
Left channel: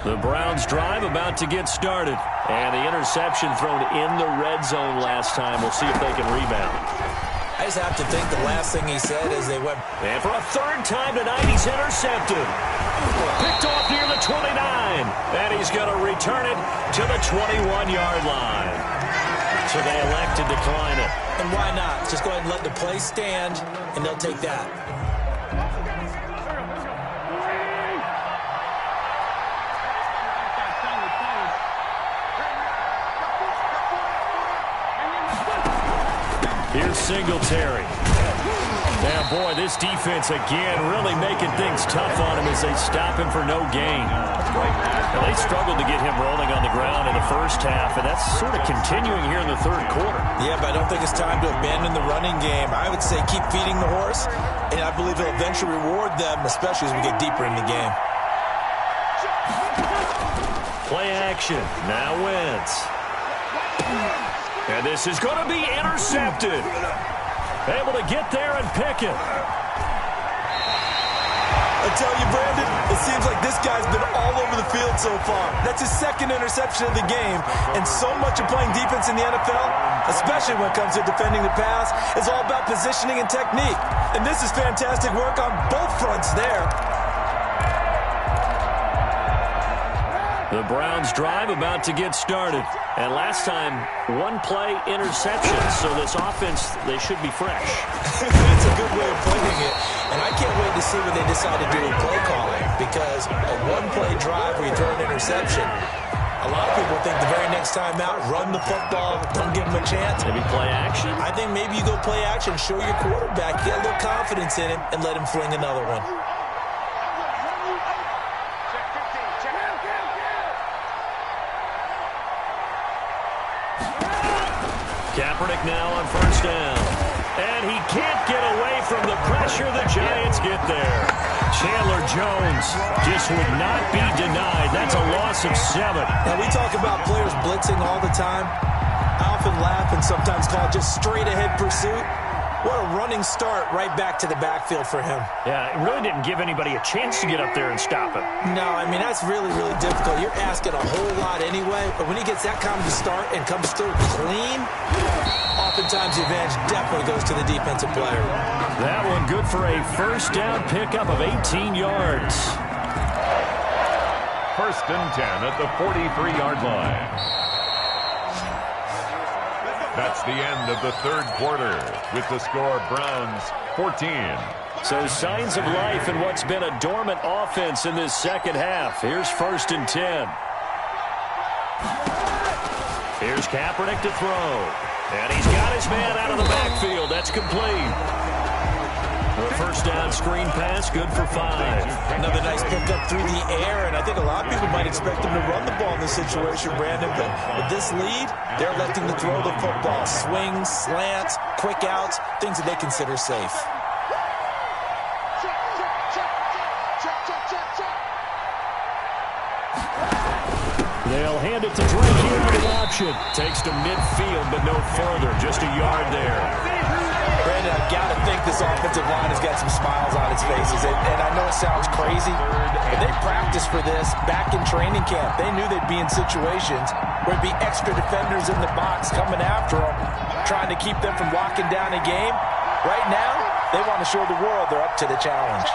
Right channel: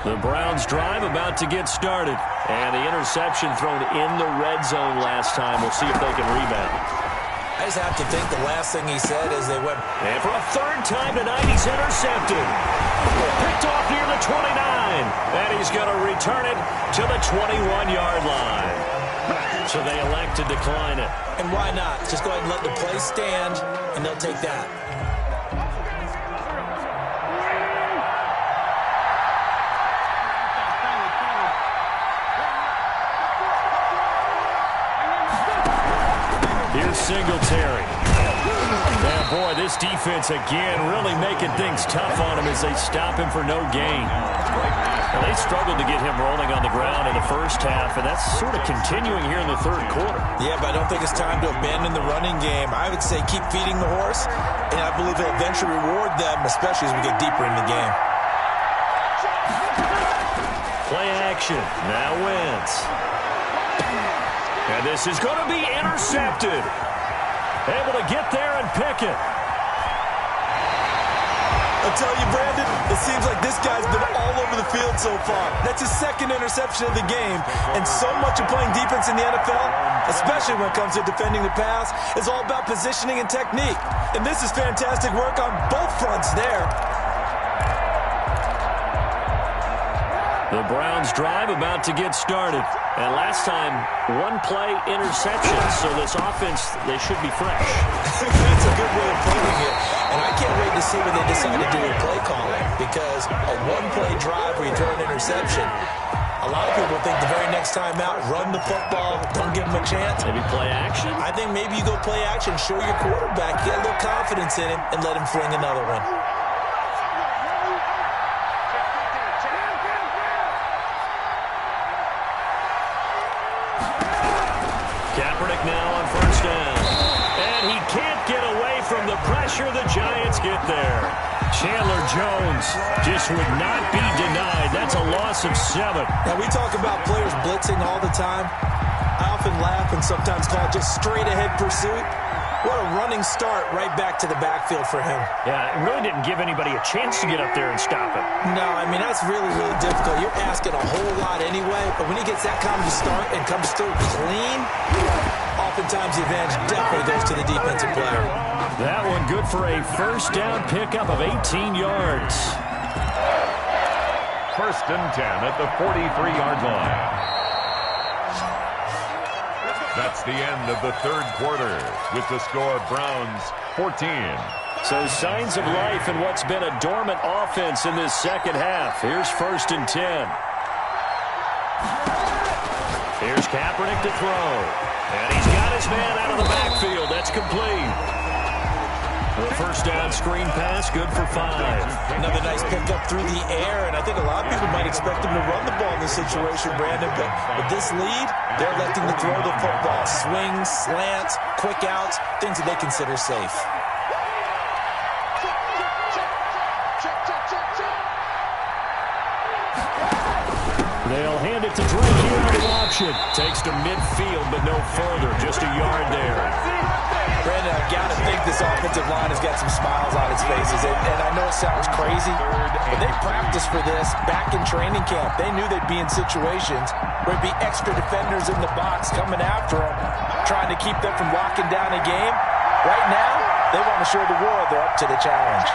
The Browns drive about to get started. And the interception thrown in the red zone last time. We'll see if they can rebound. I just have to think the last thing he said as they went. And for a 3rd time tonight, he's intercepted. Picked off near the 29. And he's going to return it to the 21-yard line. So they elect to decline it. And why not? Just go ahead and let the play stand, and they'll take that. Here's Singletary. Now, boy, this defense again really making things tough on him as they stop him for no gain. Now, they struggled to get him rolling on the ground in the first half, and that's sort of continuing here in the 3rd quarter. Yeah, but I don't think it's time to abandon the running game. I would say keep feeding the horse, and I believe he'll eventually reward them, especially as we get deeper in the game. Play action. Now Wentz. And this is going to be intercepted. Able to get there and pick it. I tell you, Brandon, it seems like this guy's been all over the field so far. That's his 2nd interception of the game. And so much of playing defense in the NFL, especially when it comes to defending the pass, is all about positioning and technique. And this is fantastic work on both fronts there. The Browns drive about to get started. And last time, 1 play interception. So this offense, they should be fresh. That's a good way of putting it. And I can't wait to see what they decide to do with play calling. Because a 1-play drive where you throw an interception, a lot of people think the very next time out, run the football, don't give them a chance. Maybe play action? I think maybe you go play action, show your quarterback, get a little confidence in him, and let him fling another one. Kaepernick now on first down. And he can't get away from the pressure. The Giants get there. Chandler Jones just would not be denied. That's a loss of 7. Now, we talk about players blitzing all the time. I often laugh and sometimes call it just straight-ahead pursuit. What a running start right back to the backfield for him. Yeah, it really didn't give anybody a chance to get up there and stop him. No, I mean, that's really, really difficult. You're asking a whole lot anyway, but when he gets that kind of start and comes through clean, oftentimes the advantage definitely goes to the defensive player. That one good for a first down pickup of 18 yards. 1st and 10 at the 43-yard line. That's the end of the 3rd quarter with the score Browns 14. So signs of life in what's been a dormant offense in this second half. Here's 1st and 10. Here's Kaepernick to throw. And he's got his man out of the backfield. That's complete. The first down screen pass, good for 5. Another nice pickup through the air, and I think a lot of people might expect them to run the ball in this situation, Brandon, but with this lead, they're electing to throw the football. Swings, slants, quick outs, things that they consider safe. They'll hand it to Drake here on the option. Takes to midfield, but no further. Just a yard there. Brandon, I've got to think this offensive line has got some smiles on its faces. And I know it sounds crazy, but they practiced for this back in training camp. They knew they'd be in situations where there'd be extra defenders in the box coming after them, trying to keep them from locking down a game. Right now, they want to show the world they're up to the challenge.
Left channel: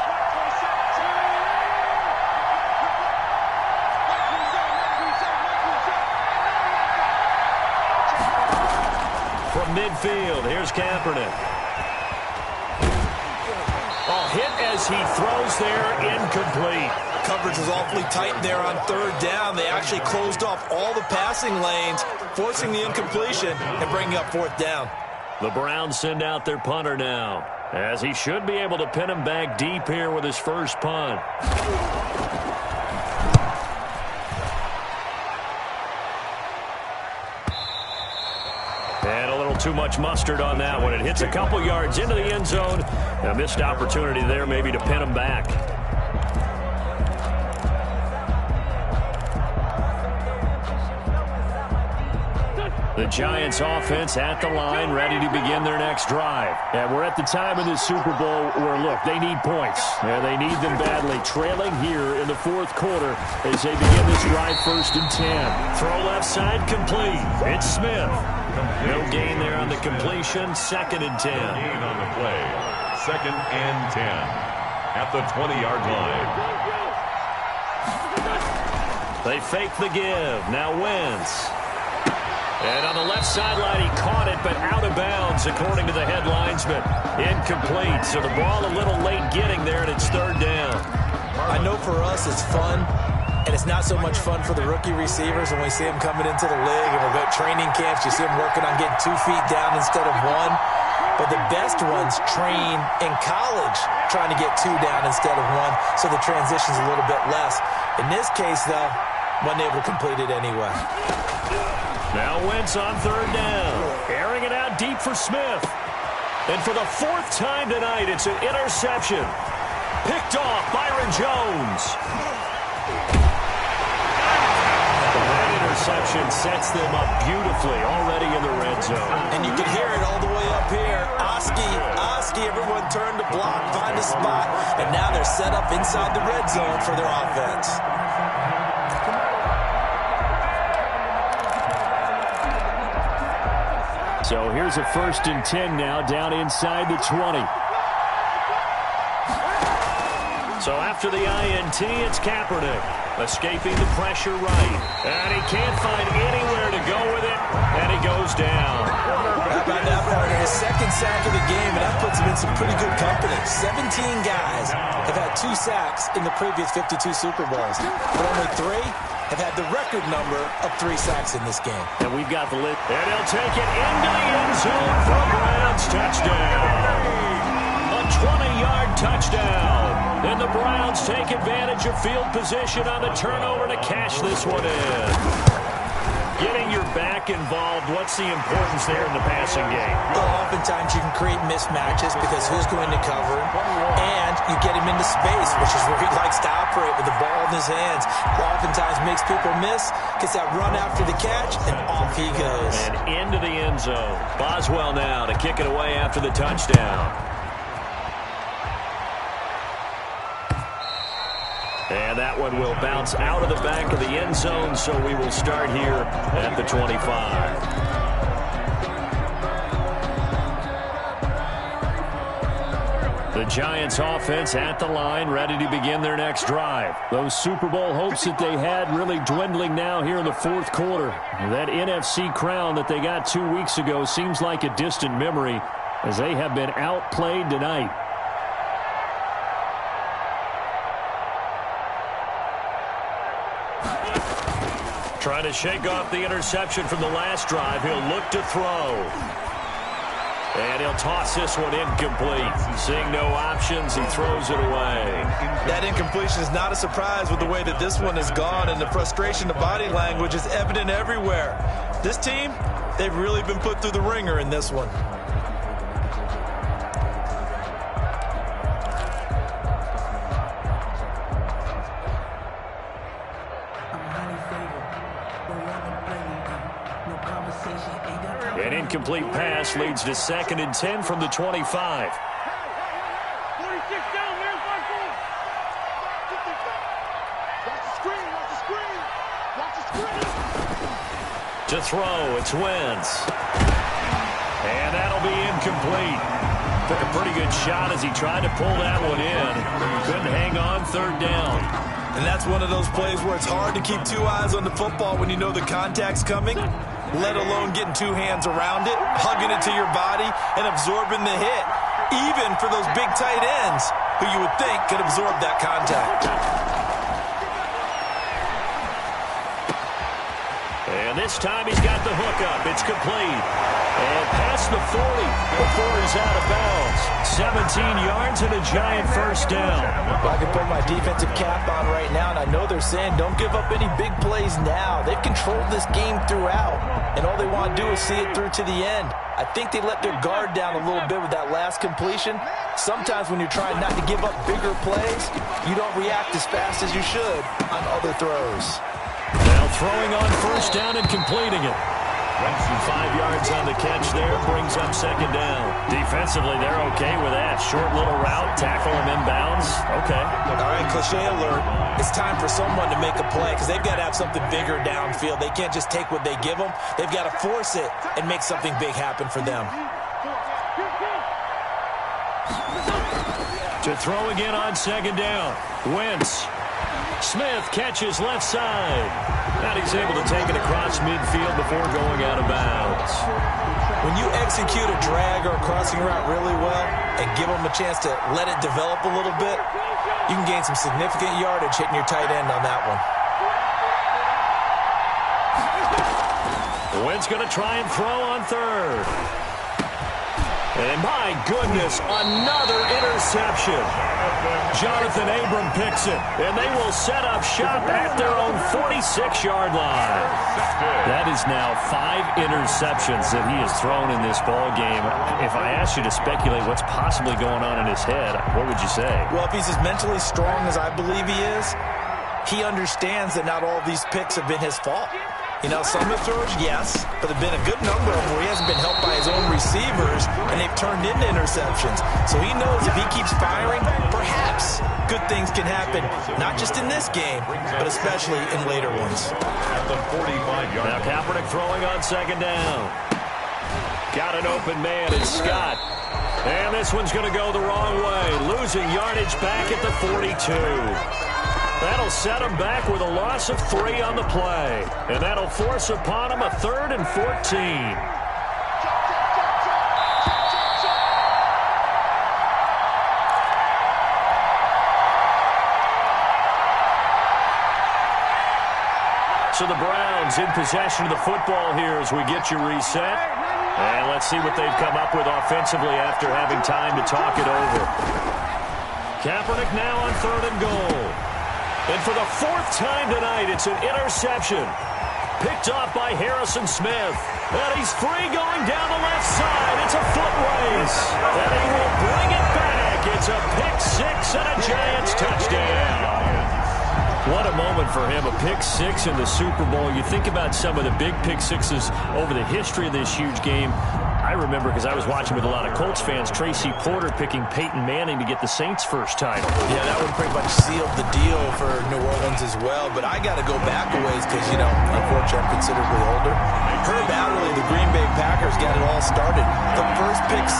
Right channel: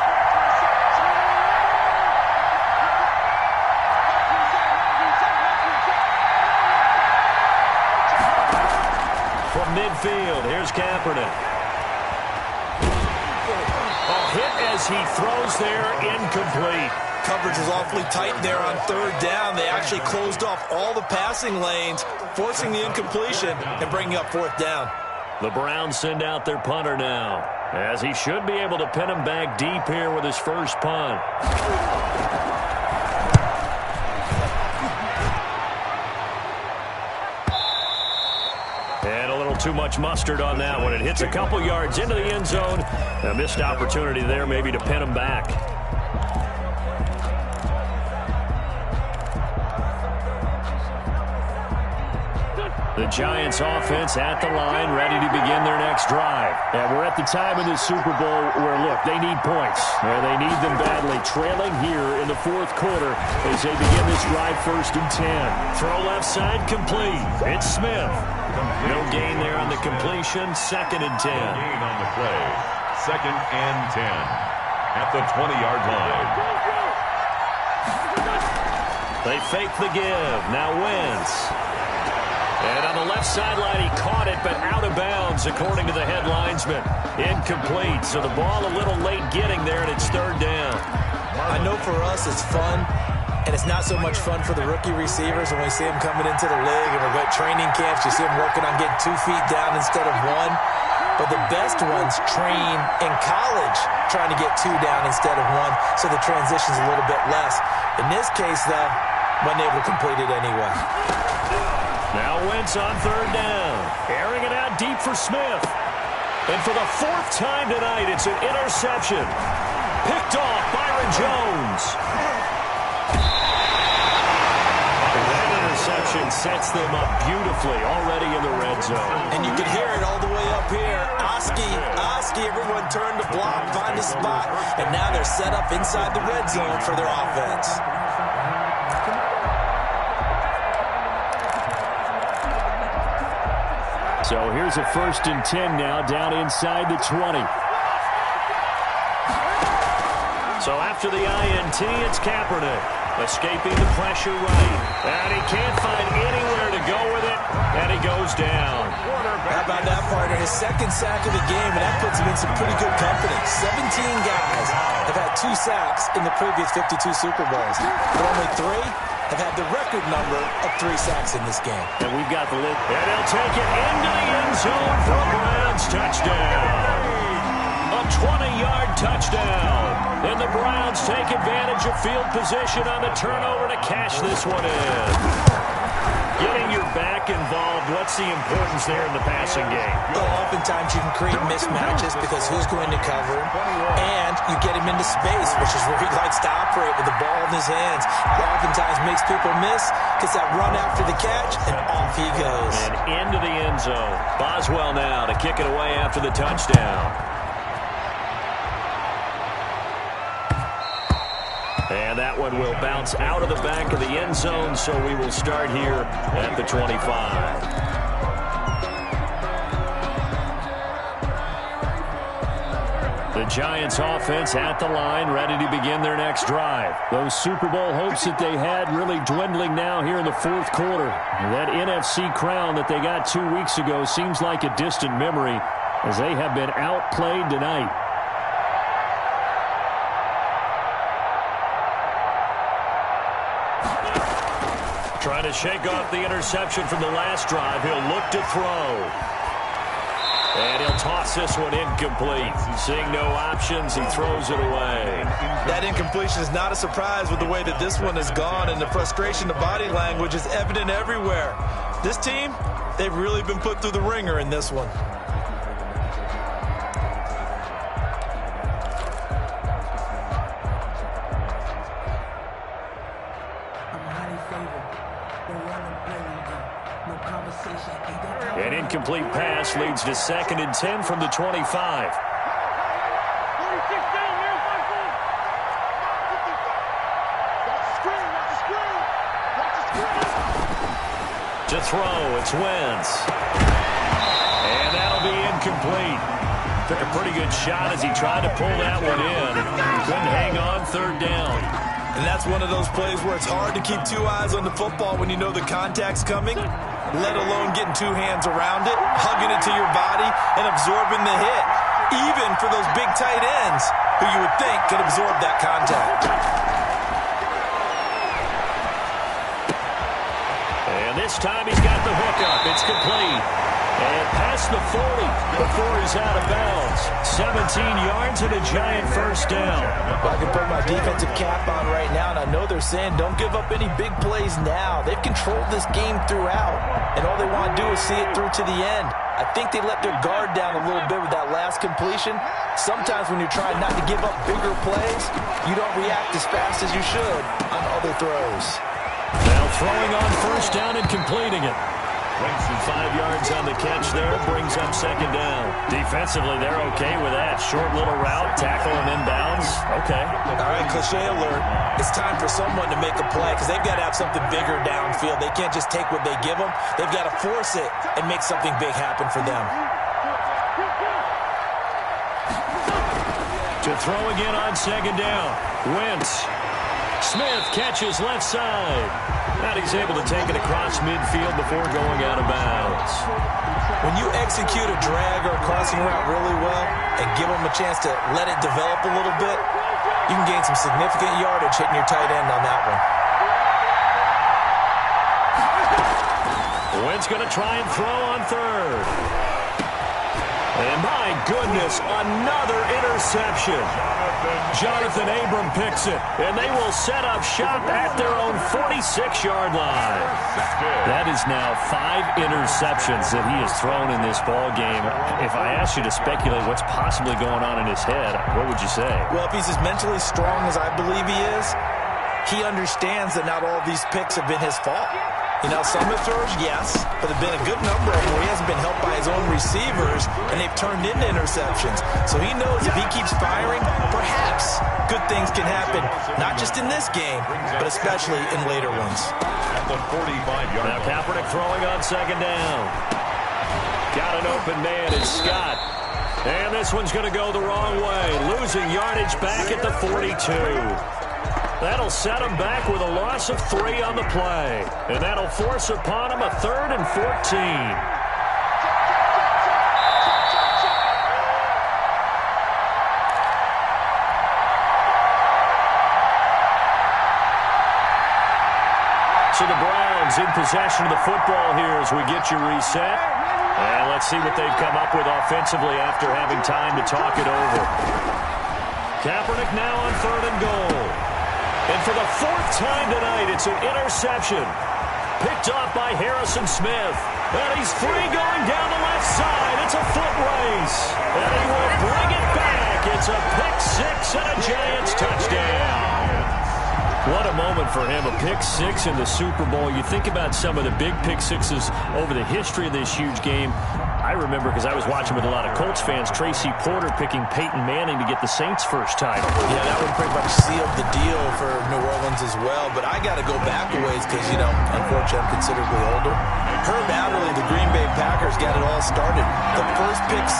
From midfield, here's Kaepernick. Oh, hit as he throws there, incomplete. Coverage was awfully tight there on third down. They actually closed off all the passing lanes, forcing the incompletion and bringing up fourth down. The Browns send out their punter now, as he should be able to pin him back deep here with his first punt. And a little too much mustard on that one. It hits a couple yards into the end zone. A missed opportunity there maybe to pin him back. The Giants offense at the line, ready to begin their next drive. And we're at the time in this Super Bowl where, look, they need points. And they need them badly. Trailing here in the fourth quarter as they begin this drive, 1st and 10. Throw left side complete. It's Smith. Complete. No gain there on the completion. 2nd and 10. No gain on the play. 2nd and 10. At the 20-yard line. They fake the give. Now Wentz. And on the left sideline, he caught it, but out of bounds, according to the head linesman. Incomplete, so the ball a little late getting there, and it's 3rd down. I know for us it's fun, and it's not so much fun for the rookie receivers when we see them coming into the league, and we're at training camps. You see them working on getting 2 feet down instead of 1. But the best ones train in college trying to get 2 down instead of 1, so the transition's a little bit less. In this case, though, wasn't able to complete it anyway. Now Wentz on 3rd down. Airing it out deep for Smith. And for the 4th time tonight, it's an interception. Picked off Byron Jones. That interception sets them up beautifully already in the red zone. And you can hear it all the way up here. Oski, everyone turned to block, find a spot, and now they're set up inside the red zone for their offense. So here's a 1st and 10 now down inside the 20. So after the INT, it's Kaepernick. Escaping the pressure right. And he can't find anywhere to go with it. And he goes down. How about that, partner? His 2nd sack of the game, and that puts him in some pretty good company. 17 guys have had 2 sacks in the previous 52 Super Bowls. But only 3 have had the record number of 3 sacks in this game. And we've got the lid. And he'll take it into the end zone for a Browns touchdown. A 20-yard touchdown. And the Browns take advantage of field position on the turnover to cash this one in. Getting your back involved, what's the importance there in the passing game? Well, oftentimes you can create mismatches because who's going to cover him, and you get him into space, which is where he likes to operate with the ball in his hands. Oftentimes makes people miss, gets that run after the catch, and off he goes. And into the end zone. Boswell now to kick it away after the touchdown. And that one will bounce out of the back of the end zone, so we will start here at the 25. The Giants offense at the line, ready to begin their next drive. Those Super Bowl hopes that they had really dwindling now here in the fourth quarter. That NFC crown that they got 2 weeks ago seems like a distant memory as they have been outplayed tonight. Trying to shake off the interception from the last drive. He'll look to throw. And he'll toss this one incomplete. Seeing no options, he throws it away. That incompletion is not a surprise with the way that this one has gone, and the frustration of body language is evident everywhere. This team, they've really been put through the ringer in this one. An incomplete pass leads to 2nd and 10 from the 25. 46 down, man. 5-4. Watch the screen. Watch the screen. Watch the screen. To throw, it's Wentz. And that'll be incomplete. Took a pretty good shot as he tried to pull that one in. Couldn't hang on, 3rd down. And that's one of those plays where it's hard to keep 2 eyes on the football when you know the contact's coming, let alone getting 2 hands around it, hugging it to your body, and absorbing the hit, even for those big tight ends who you would think could absorb that contact. And this time he's got the hook up. It's complete. And past the 40 before he's out of bounds. 17 yards and a giant first down. Well, I can put my defensive cap on right now, and I know they're saying don't give up any big plays now. They've controlled this game throughout, and all they want to do is see it through to the end. I think they let their guard down a little bit with that last completion. Sometimes when you're trying not to give up bigger plays, you don't react as fast as you should on other throws. Now throwing on first down and completing it. 5 yards on the catch there, brings up 2nd down. Defensively, they're okay with that. Short little route, tackle him inbounds. Okay. All right, cliche alert. It's time for someone to make a play because they've got to have something bigger downfield. They can't just take what they give them. They've got to force it and make something big happen for them. To throw again on 2nd down. Wentz. Smith catches left side. And he's able to take it across midfield before going out of bounds. When you execute a drag or a crossing route really well and give them a chance to let it develop a little bit, you can gain some significant yardage hitting your tight end on that one. Wentz going to try and throw on 3rd. And my goodness, another interception. Jonathan Abram picks it, and they will set up shop at their own 46-yard line. That is now 5 interceptions that he has thrown in this ball game. If I asked you to speculate what's possibly going on in his head, what would you say? Well, if he's as mentally strong as I believe he is, he understands that not all of these picks have been his fault. You know, some of the throws, yes, but there have been a good number of them where he hasn't been helped by his own receivers, and they've turned into interceptions. So he knows if he keeps firing, perhaps good things can happen, not just in this game, but especially in later ones. At the 45-yard line. Now Kaepernick throwing on 2nd down. Got an open man, it's Scott. And this one's going to go the wrong way, losing yardage back at the 42. That'll set him back with a loss of 3 on the play. And that'll force upon him a 3rd and 14. So the Browns in possession of the football here as we get you reset. And let's see what they've come up with offensively after having time to talk it over. Kaepernick now on 3rd and goal. And for the 4th time tonight, it's an interception. Picked off by Harrison Smith. And he's free going down the left side. It's a foot race. And he will bring it back. It's a pick 6 and a Giants touchdown. What a moment for him, a pick 6 in the Super Bowl. You think about some of the big pick 6s over the history of this huge game. I remember, because I was watching with a lot of Colts fans, Tracy Porter picking Peyton Manning to get the Saints' first title. Yeah, that one pretty much sealed the deal for New Orleans as well. But I got to go back a ways because, you know, unfortunately I'm considerably older. Herb Adderley, the Green Bay Packers, got it all started. The first pick 6,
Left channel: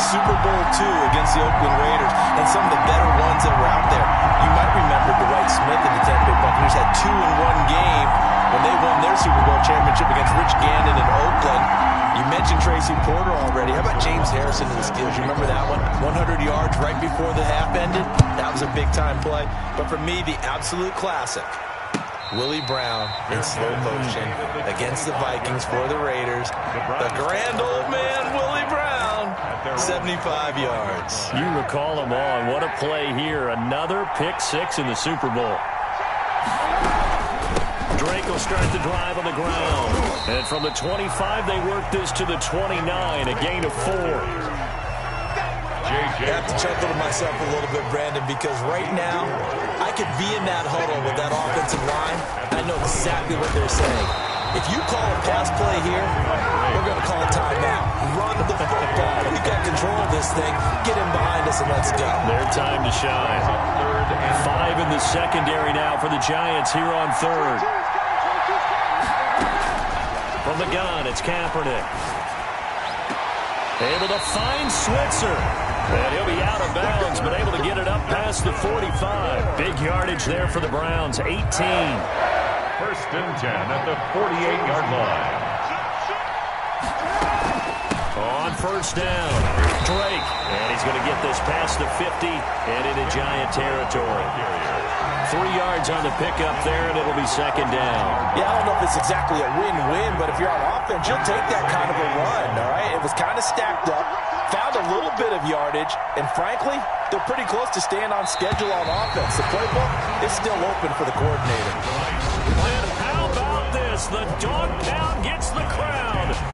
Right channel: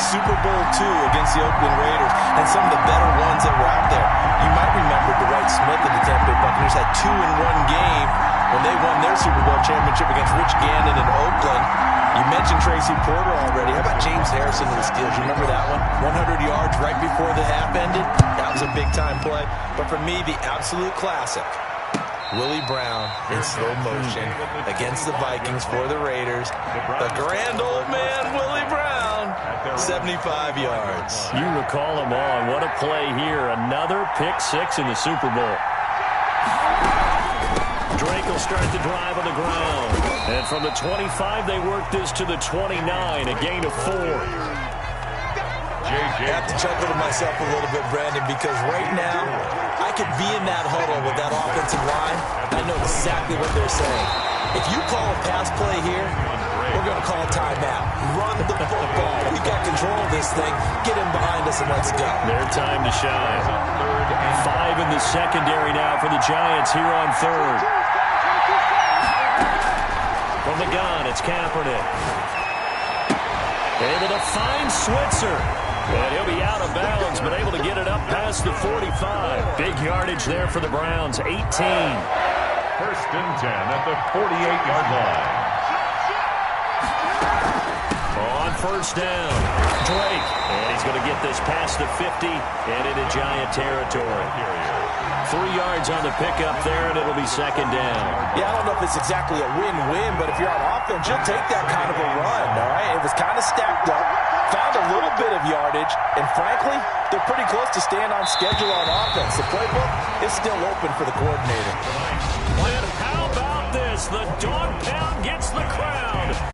Super Bowl II against the Oakland Raiders, and some of the better ones that were out there. You might remember Dwight Smith and the Tampa Bay Buccaneers had 2 in one game when they won their Super Bowl championship against Rich Gannon in Oakland. You mentioned Tracy Porter already. How about James Harrison and the Steelers? You remember that one? 100 yards right before the half ended? That was a big-time play. But for me, the absolute classic Willie Brown in slow motion against the Vikings for the Raiders. The grand old man, Willie Brown, 75 yards. You recall them all, and what a play here. Another pick six in the Super Bowl. Drake will start the drive on the ground. And from the 25, they work this to the 29, a gain of 4. I have to chuckle to myself a little bit, Brandon, because right now I could be in that huddle with that offensive line. I know exactly what they're saying. If you call a pass play here, we're going to call a timeout. Run the football. We got control of this thing. Get him behind us and let's go. Their time to shine. 5 in the secondary now for the Giants here on third. From the gun, it's Kaepernick. Able to find Switzer. And he'll be out of bounds, but able to get it up past the 45. Big yardage there for the Browns, 18. 1st and 10 at the 48-yard line. On first down, Drake. And he's going to get this past the 50 and into Giant territory. 3 yards on the pickup there, and it'll be 2nd down. Yeah, I don't know if it's exactly a win-win, but if you're on offense, you'll take that kind of a run, all right? It was kind of stacked up, found a little bit of yardage, and frankly, they're pretty close to staying on schedule on offense. The playbook is still open for the coordinator. And how about this? The dog pound gets the crowd.